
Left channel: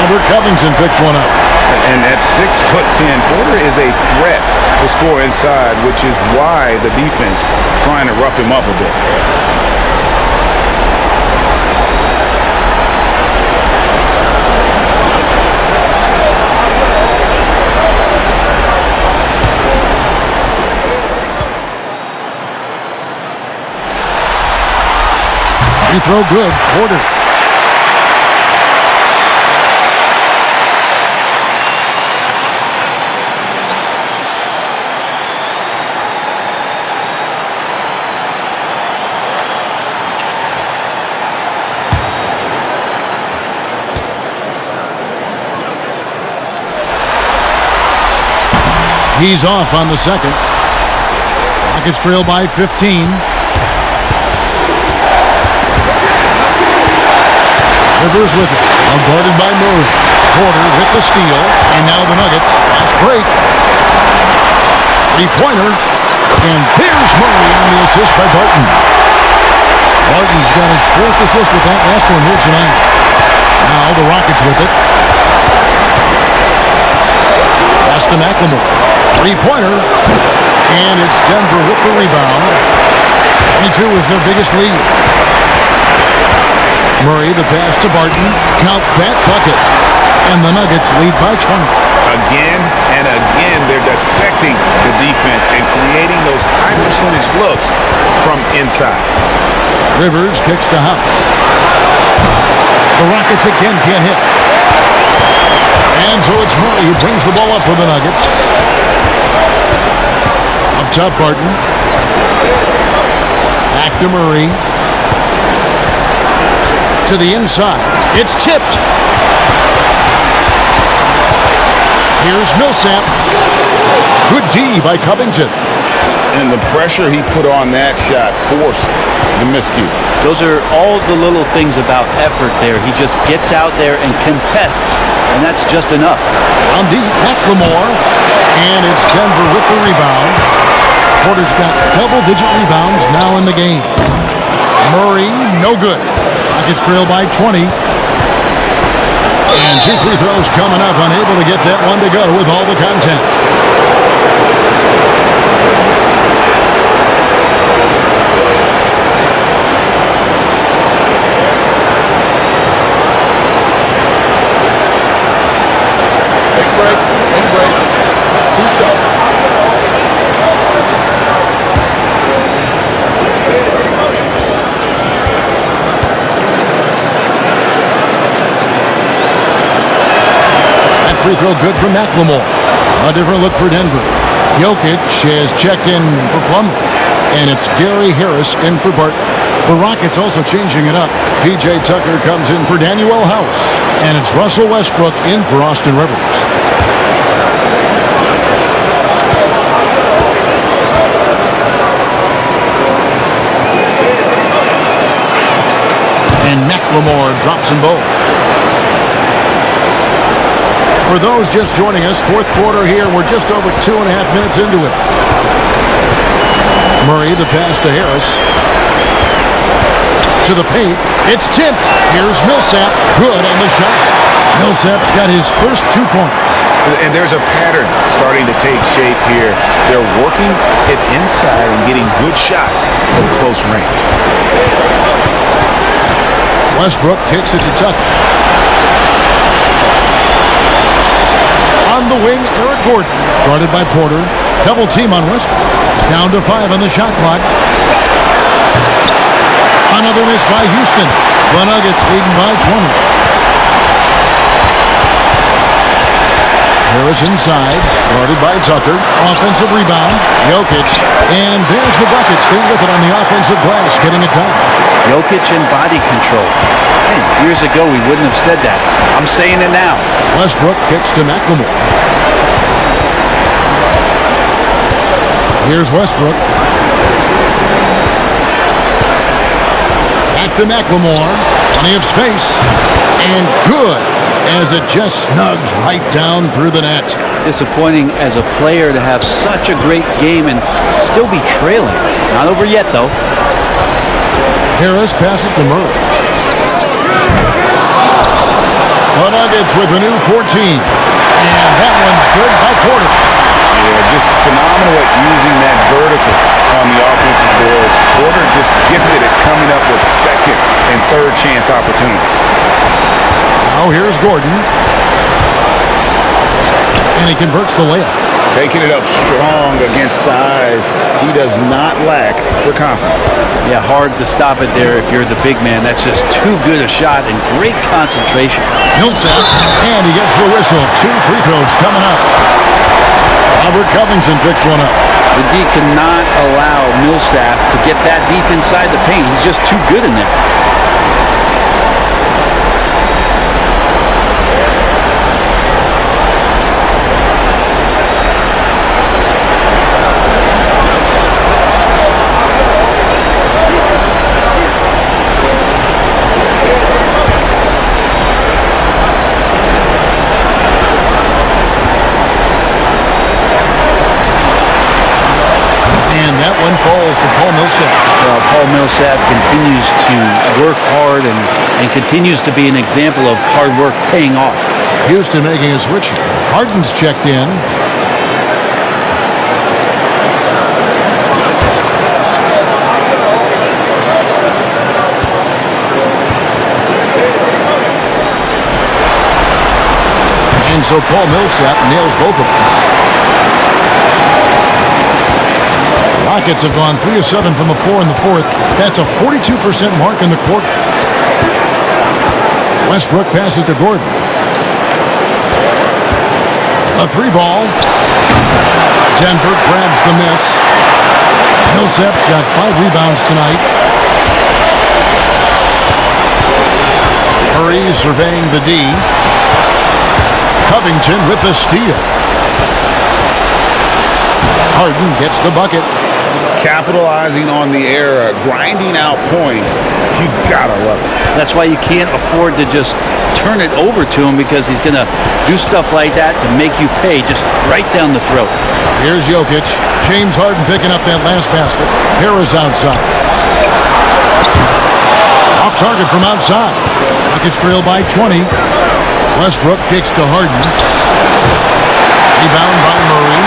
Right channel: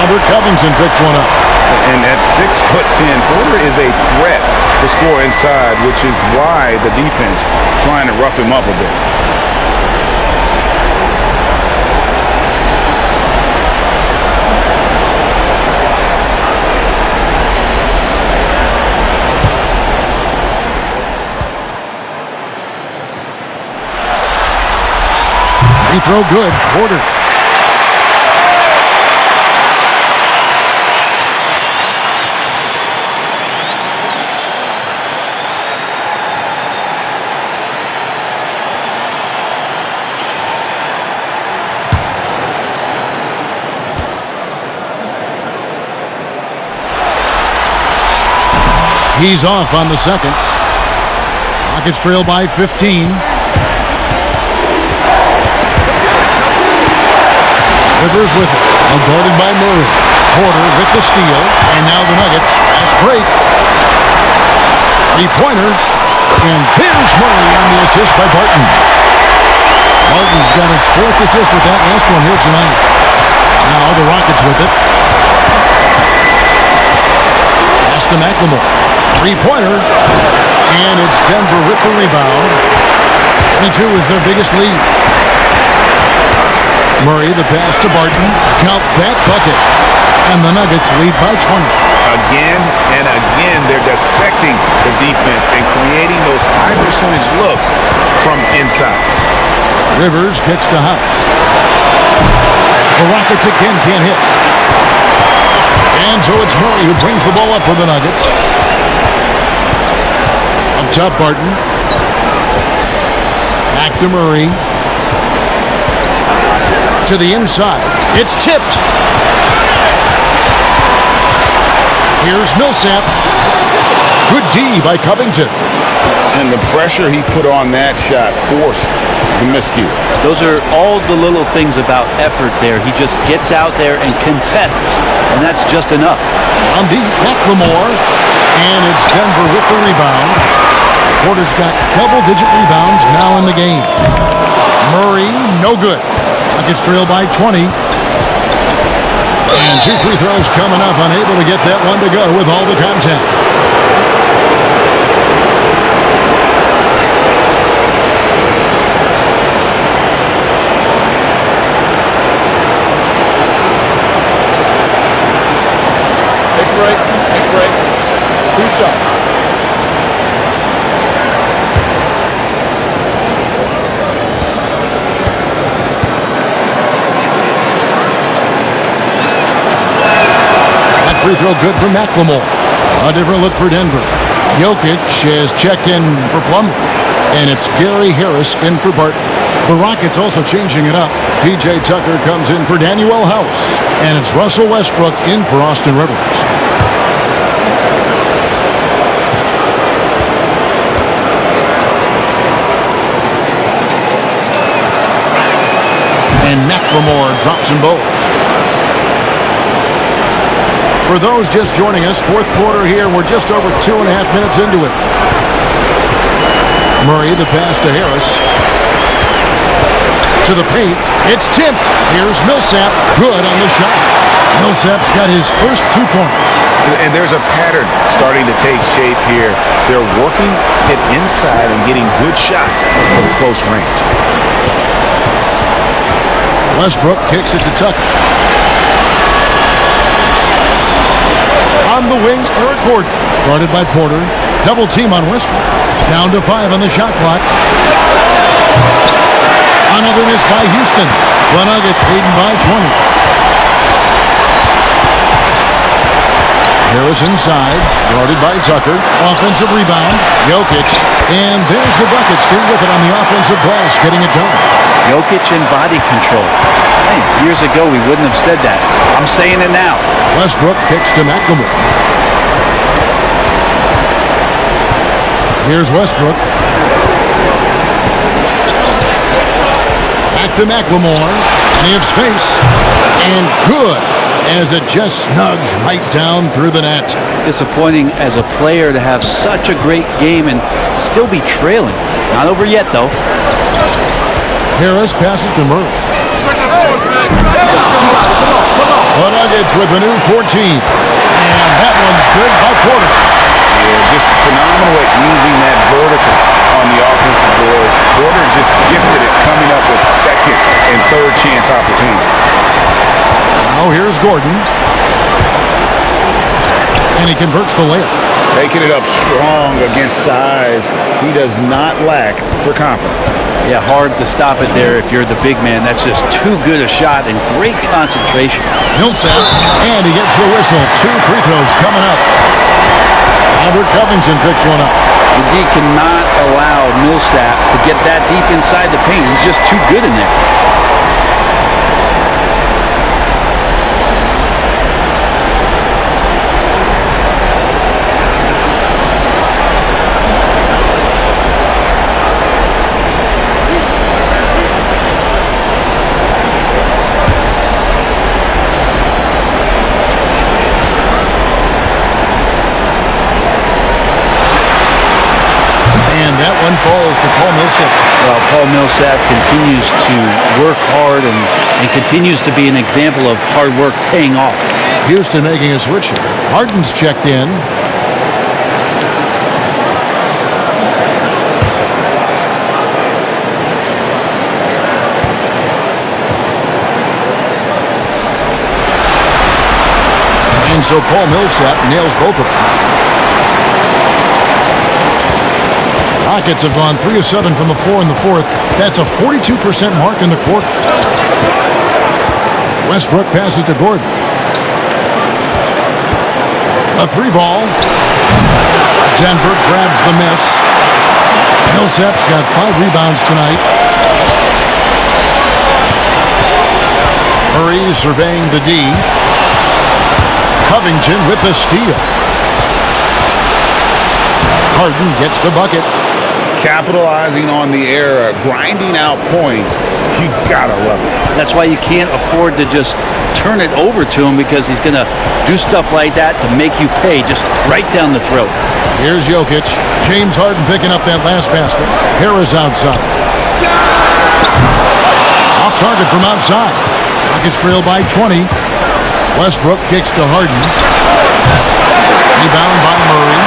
Robert Covington picks one up. And at 6'10", Porter is a threat to score inside, which is why the defense trying to rough him up a bit. Free throw good, Porter. He's off on the second. Rockets trail by 15. Rivers with it. Now guarded by Murray. Porter with the steal. And now the Nuggets. Fast break. Three-pointer. And there's Murray on the assist by Barton. Barton's got his 4th assist with that last one here tonight. Now the Rockets with it. Pass to McLemore. Three-pointer. And it's Denver with the rebound. 22 is their biggest lead. Murray, the pass to Barton. Count that bucket. And the Nuggets lead by 20. Again and again, they're dissecting the defense and creating those high-percentage looks from inside. Rivers kicks to House. The Rockets again can't hit. And so it's Murray who brings the ball up for the Nuggets. Up top, Barton. Back to Murray. To the inside. It's tipped. Here's Millsap. Good D by Covington. And the pressure he put on that shot forced the miscue. Those are all the little things about effort there. He just gets out there and contests, and that's just enough. On deep, McLemore. And it's Denver with the rebound. Porter's got double-digit rebounds now in the game. Murray, no good. Rockets trail by 20. And 2 free throws coming up, unable to get that one to go with all the contact. Take a break. Take a break. 2 shots. Free throw good from McLemore. A different look for Denver. Jokic has checked in for Plumlee, and it's Gary Harris in for Barton. The Rockets also changing it up. P.J. Tucker comes in for Danuel House, and it's Russell Westbrook in for Austin Rivers. And McLemore drops them both. For those just joining us, fourth quarter here. We're just over 2.5 minutes into it. Murray, the pass to Harris. To the paint. It's tipped. Here's Millsap. Good on the shot. Millsap's got his first 2 points. And there's a pattern starting to take shape here. They're working it inside and getting good shots from close range. Westbrook kicks it to Tucker. On the wing, Eric Gordon. Guarded by Porter. Double team on Westbrook. Down to 5 on the shot clock. Another miss by Houston. The Nuggets leading by 20. Harris inside. Guarded by Tucker. Offensive rebound. Jokic. And there's the bucket. Staying with it on the offensive glass. Getting it done. Jokic and body control. Man, years ago we wouldn't have said that. I'm saying it now. Westbrook kicks to McLemore. Here's Westbrook. Back to McLemore. Plenty of space. And good, as it just snugs right down through the net. Disappointing as a player to have such a great game and still be trailing. Not over yet, though. Harris passes to Murray. The Nuggets with a new 14. And that one's good by Porter. Yeah, just phenomenal at using that vertical on the offensive boards. Porter just gifted at coming up with second and third chance opportunities. Now here's Gordon. And he converts the layup. Taking it up strong against size. He does not lack for confidence. Yeah, hard to stop it there if you're the big man. That's just too good a shot and great concentration. Millsap, and he gets the whistle. 2 free throws coming up. Robert Covington picks one up. The D cannot allow Millsap to get that deep inside the paint. He's just too good in there. And that one falls for Paul Millsap. Well, Paul Millsap continues to work hard and continues to be an example of hard work paying off. Houston making a switch here. Harden's checked in. And so Paul Millsap nails both of them. Rockets have gone 3 of 7 from the floor in the fourth. That's a 42% mark in the quarter. Westbrook passes to Gordon. A 3-ball. Denver grabs the miss. Millsap's got 5 rebounds tonight. Murray surveying the D. Covington with the steal. Harden gets the bucket. Capitalizing on the error, grinding out points, you gotta love it. That's why you can't afford to just turn it over to him, because he's going to do stuff like that to make you pay just right down the throat. Here's Jokic. James Harden picking up that last basket. Harris outside. Off target from outside. Rockets trail by 20. Westbrook kicks to Harden. Rebound by Murray.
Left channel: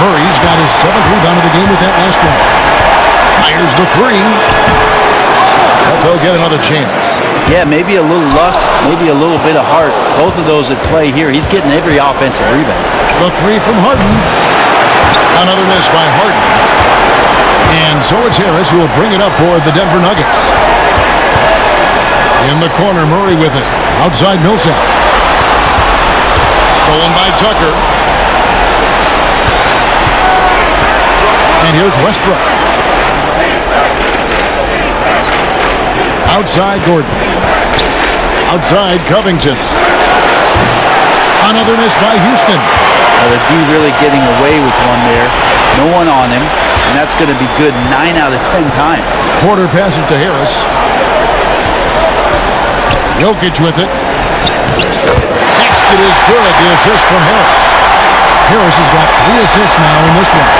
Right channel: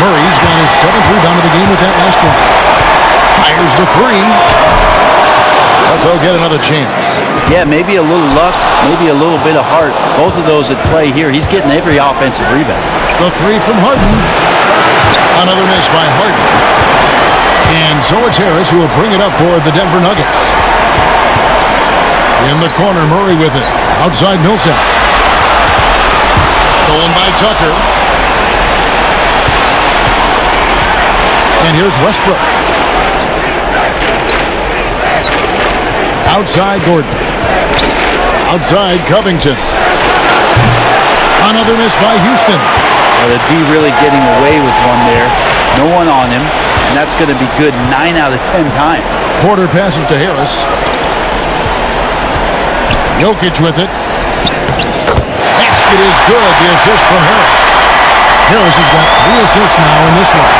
Murray's got his 7th rebound of the game with that last one. Fires the 3. But they'll get another chance. Yeah, maybe a little luck, maybe a little bit of heart. Both of those at play here. He's getting every offensive rebound. The 3 from Harden. Another miss by Harden. And so it's Harris who will bring it up for the Denver Nuggets. In the corner, Murray with it. Outside Millsap. Stolen by Tucker. And here's Westbrook. Outside Gordon. Outside Covington. Another miss by Houston. The D really getting away with one there. No one on him, and that's going to be good 9 out of 10 times. Porter passes to Harris. Jokic with it. Basket is good. The assist from Harris. Harris has got 3 assists now in this one.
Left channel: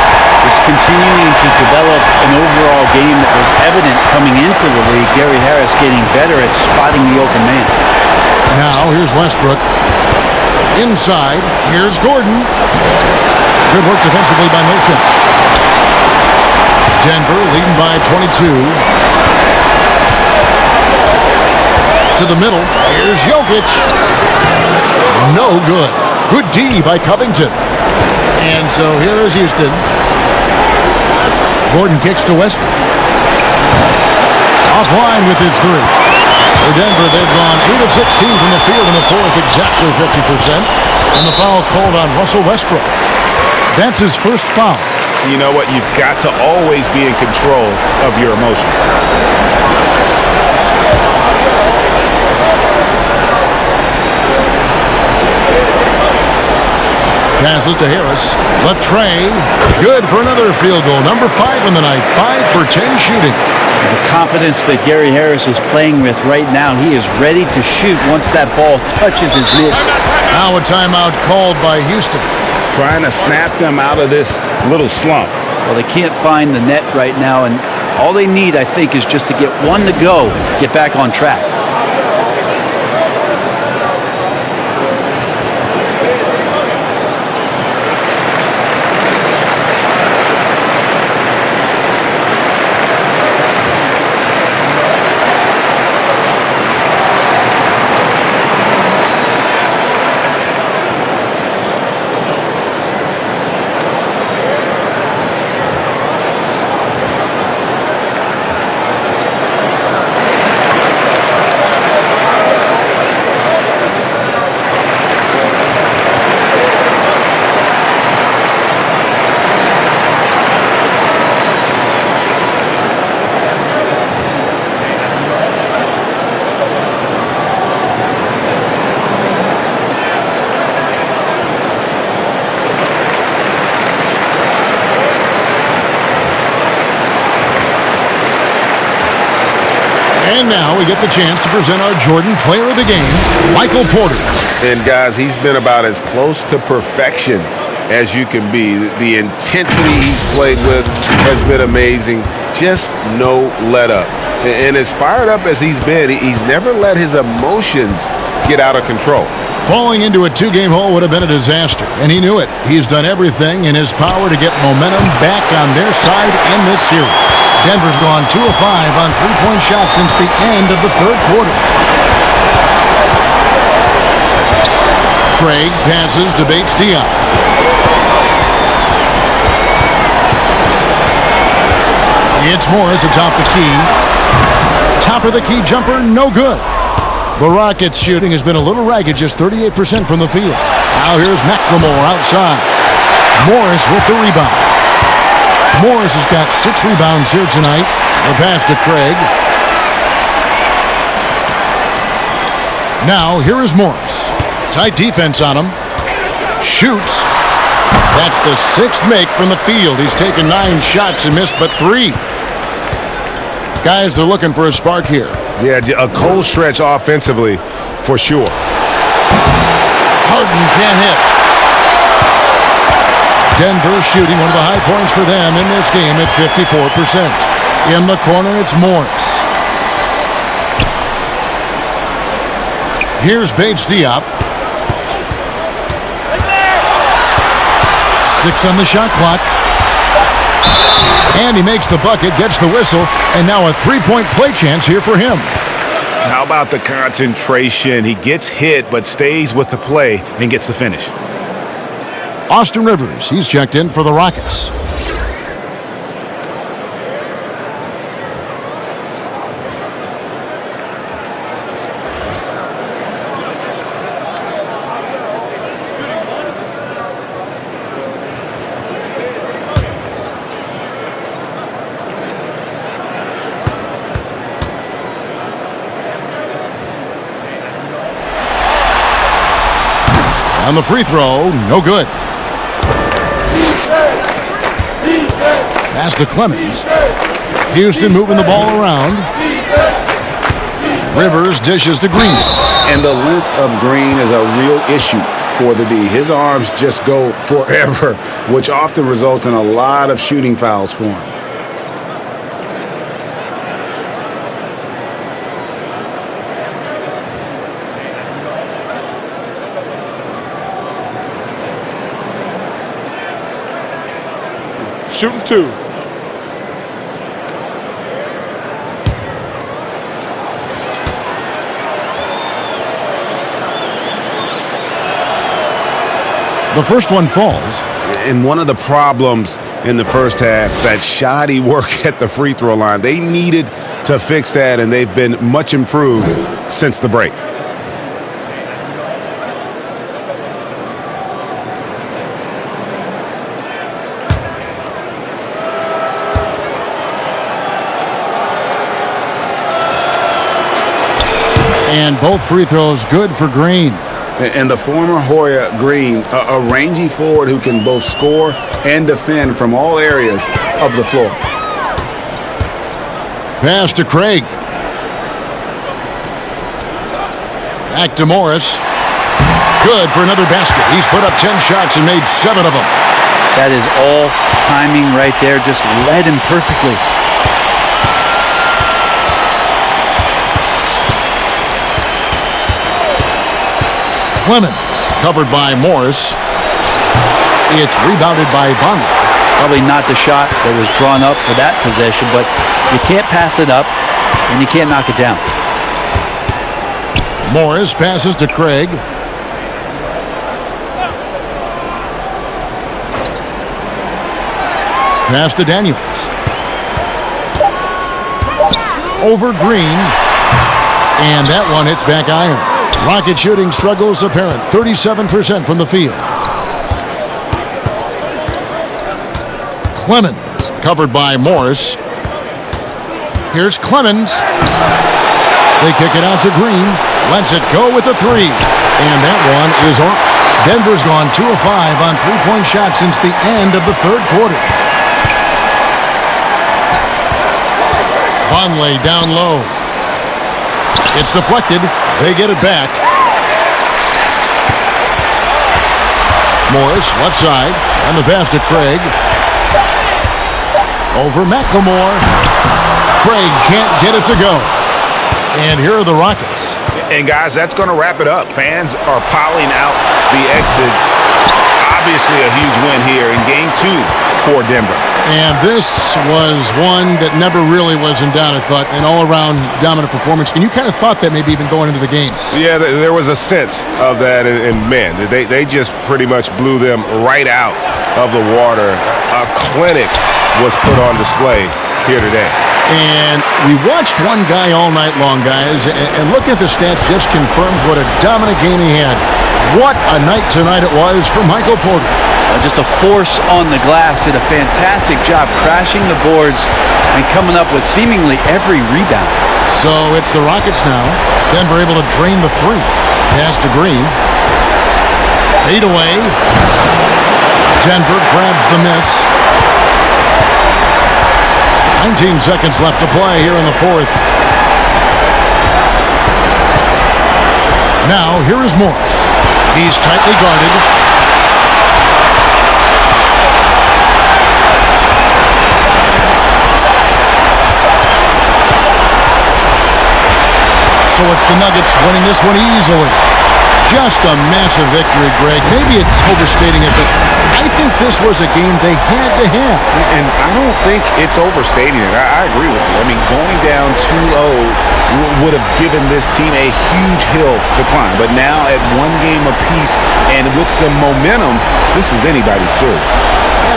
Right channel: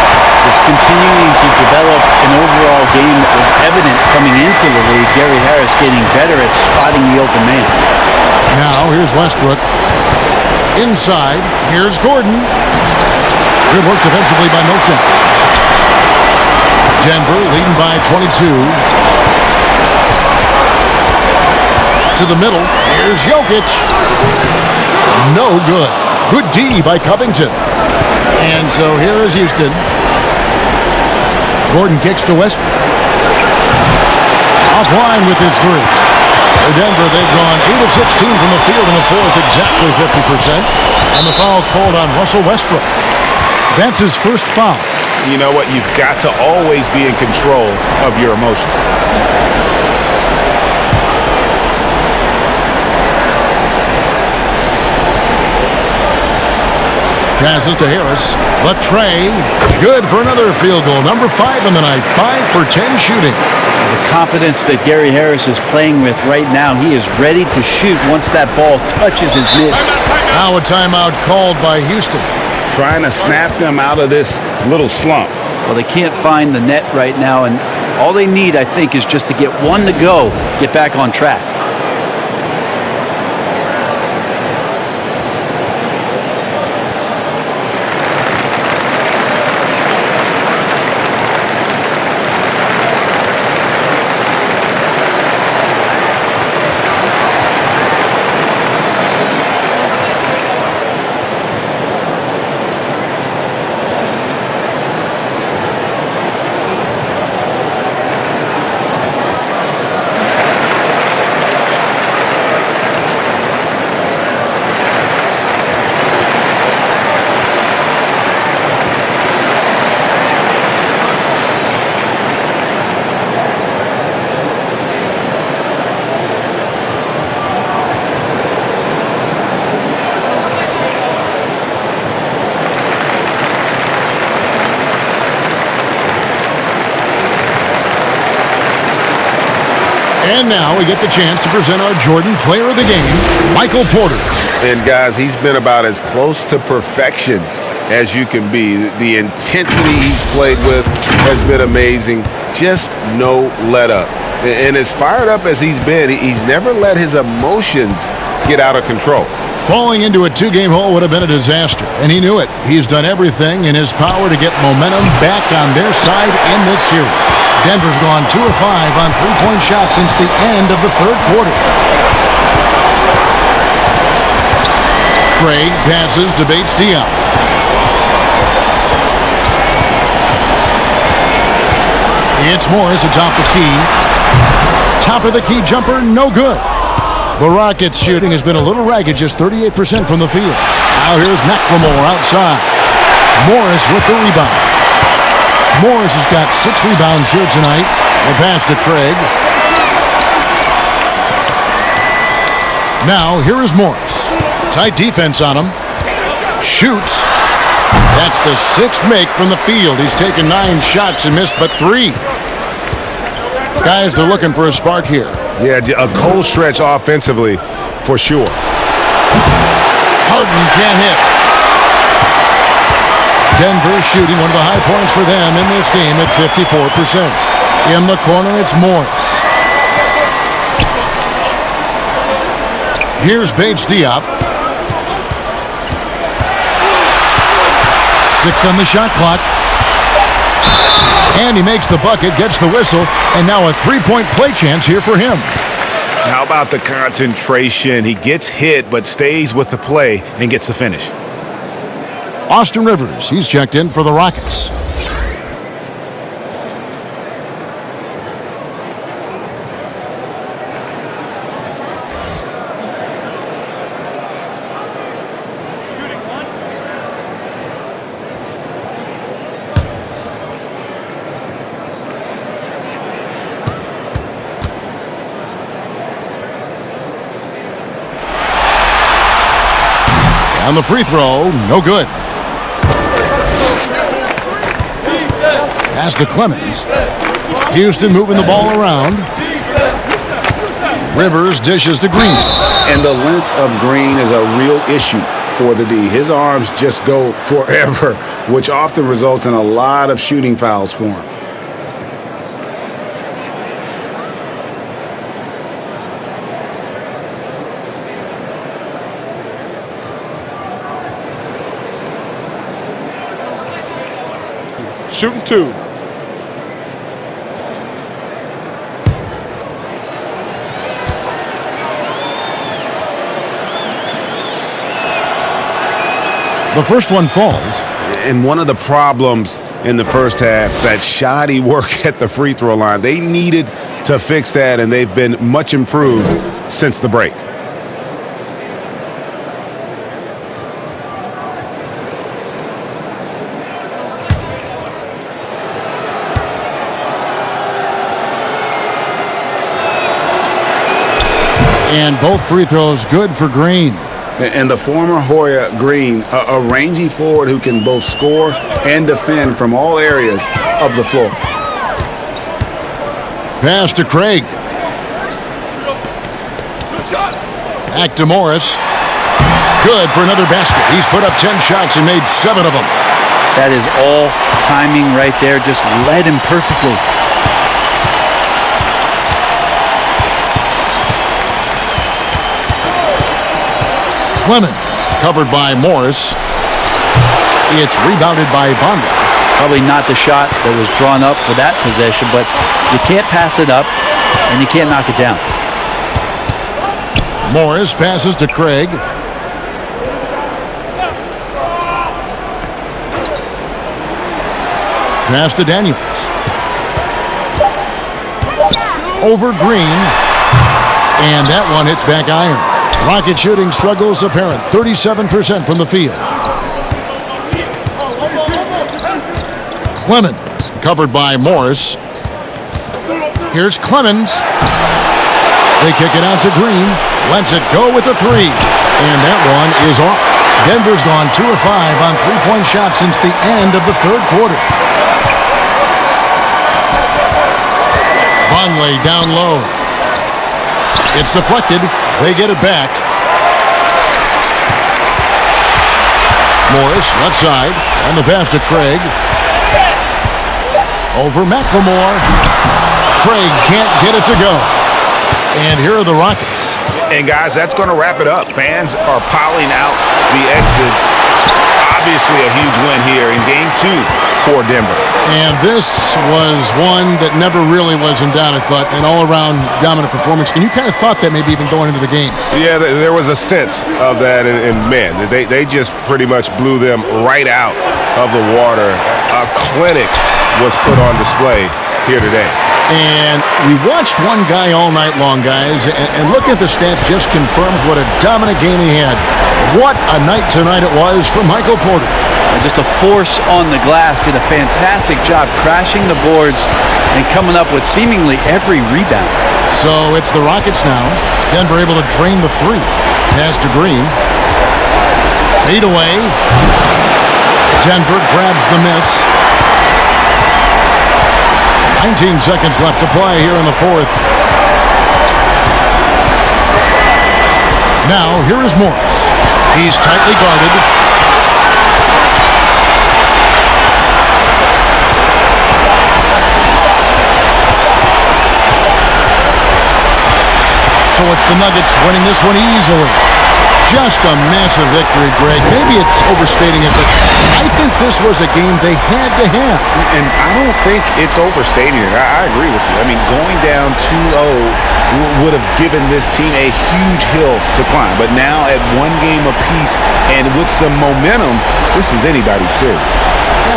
Just continuing to develop an overall game that was evident coming into the league. Gary Harris getting better at spotting the open man. Now here's Westbrook. Inside, here's Gordon. Good work defensively by Millsap. Denver leading by 22. To the middle, here's Jokic. No good. Good D by Covington. And so here is Houston. Gordon kicks to Westbrook. Offline with his 3. For Denver, they've gone 8 of 16 from the field in the fourth, exactly 50%. And the foul called on Russell Westbrook. That's his first foul. You know what? You've got to always be in control of your emotions. Passes to Harris. Latrey. Good for another field goal. Number 5 in the night. 5 for 10 shooting. The confidence that Gary Harris is playing with right now, he is ready to shoot once that ball touches his mitts. Now a timeout called by Houston. Trying to snap them out of this little slump. Well, they can't find the net right now, and all they need, I think, is just to get one to go, get back on track. And now we get the chance to present our Jordan Player of the Game, Michael Porter. And guys, he's been about as close to perfection as you can be. The intensity he's played with has been amazing. Just no let up. And as fired up as he's been, he's never let his emotions get out of control. Falling into a 2-game hole would have been a disaster, and he knew it. He's done everything in his power to get momentum back on their side in this series. Denver's gone 2 of 5 on 3-point shots since the end of the third quarter. Craig passes to Bates-Diop. It's Morris atop the key. Top of the key jumper, no good. The Rockets' shooting has been a little ragged, just 38% from the field. Now here's McLemore outside. Morris with the rebound. Morris has got 6 rebounds here tonight. The pass to Craig. Now here is Morris. Tight defense on him. Shoots. That's the 6th make from the field. He's taken 9 shots and missed but 3. Guys are looking for a spark here. Yeah, a cold stretch offensively for sure. Harden can't hit. Denver shooting one of the high points for them in this game at 54%. In the corner, it's Morris. Here's Bates-Diop. 6 on the shot clock. And he makes the bucket, gets the whistle, and now a 3-point play chance here for him. How about the concentration? He gets hit but stays with the play and gets the finish. Austin Rivers, he's checked in for the Rockets. And the free throw, no good. Pass to Clemens. Houston moving the ball around. Rivers dishes to Green. And the length of Green is a real issue for the D. His arms just go forever, which often results in a lot of shooting fouls for him. Shooting 2. The first one falls. And one of the problems in the first half, that shoddy work at the free throw line. They needed to fix that, and they've been much improved since the break. And both free throws good for Green. And the former Hoya Green, a rangy forward who can both score and defend from all areas of the floor. Pass to Craig. Back to Morris. Good for another basket. He's put up 10 shots and made 7 of them. That is all timing right there. Just led him perfectly. Clemens covered by Morris. It's rebounded by Vonleh. Probably not the shot that was drawn up for that possession, but you can't pass it up and you can't knock it down. Morris passes to Craig. Pass to Daniels. Over Green. And that one hits back iron. Rocket shooting struggles apparent. 37% from the field. Clemens covered by Morris. Here's Clemens. They kick it out to Green. Lets it go with a 3. And that one is off. Denver's gone 2 of 5 on three-point shots since the end of the third quarter. Vonleh down low. It's deflected. They get it back. Morris, left side, and the pass to Craig. Over McLemore. Craig can't get it to go. And here are the Rockets. And guys, that's going to wrap it up. Fans are piling out the exits. Obviously a huge win here in Game 2 for Denver. And this was one that never really was in doubt, I thought, an all-around dominant performance. And you kind of thought that maybe even going into the game. Yeah, there was a sense of that, and man, they just pretty much blew them right out of the water. A clinic was put on display here today. And we watched one guy all night long, guys, and looking at the stats just confirms what a dominant game he had. What a night tonight it was for Michael Porter. Just a force on the glass, did a fantastic job crashing the boards and coming up with seemingly every rebound. So it's the Rockets now. Denver able to drain the 3. Pass to Green. Fade away. Denver grabs the miss. 19 seconds left to play here in the fourth. Now, here is Morris. He's tightly guarded. So it's the Nuggets winning this one easily. Just a massive victory, Greg. Maybe it's overstating it, but I think this was a game they had to have. And I don't think it's overstating it. I agree with you. I mean, going down 2-0 would have given this team a huge hill to climb. But now at one game apiece and with some momentum, this is anybody's series.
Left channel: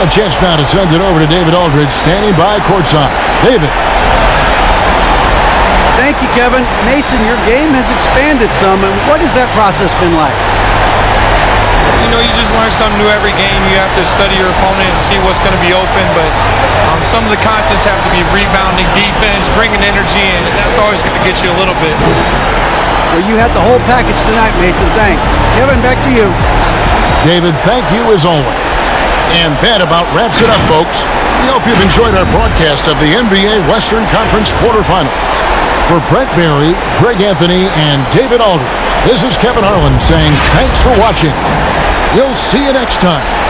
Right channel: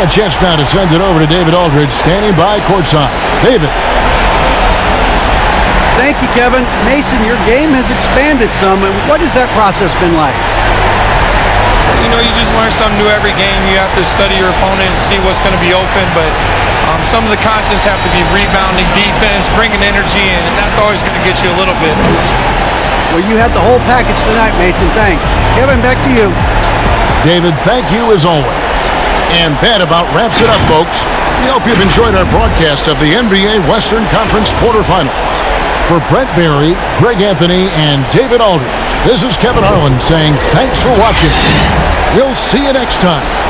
And a chance now to send it over to David Aldridge, standing by courtside. David. Thank you, Kevin. Mason, your game has expanded some, and what has that process been like? You know, you just learn something new every game. You have to study your opponent and see what's going to be open, but some of the constants have to be rebounding, defense, bringing energy in, and that's always going to get you a little bit. Well, you had the whole package tonight, Mason. Thanks. Kevin, back to you. David, thank you as always. And that about wraps it up, folks. We hope you've enjoyed our broadcast of the NBA Western Conference quarterfinals. For Brent Barry, Greg Anthony, and David Aldridge, this is Kevin Harlan saying thanks for watching. We'll see you next time.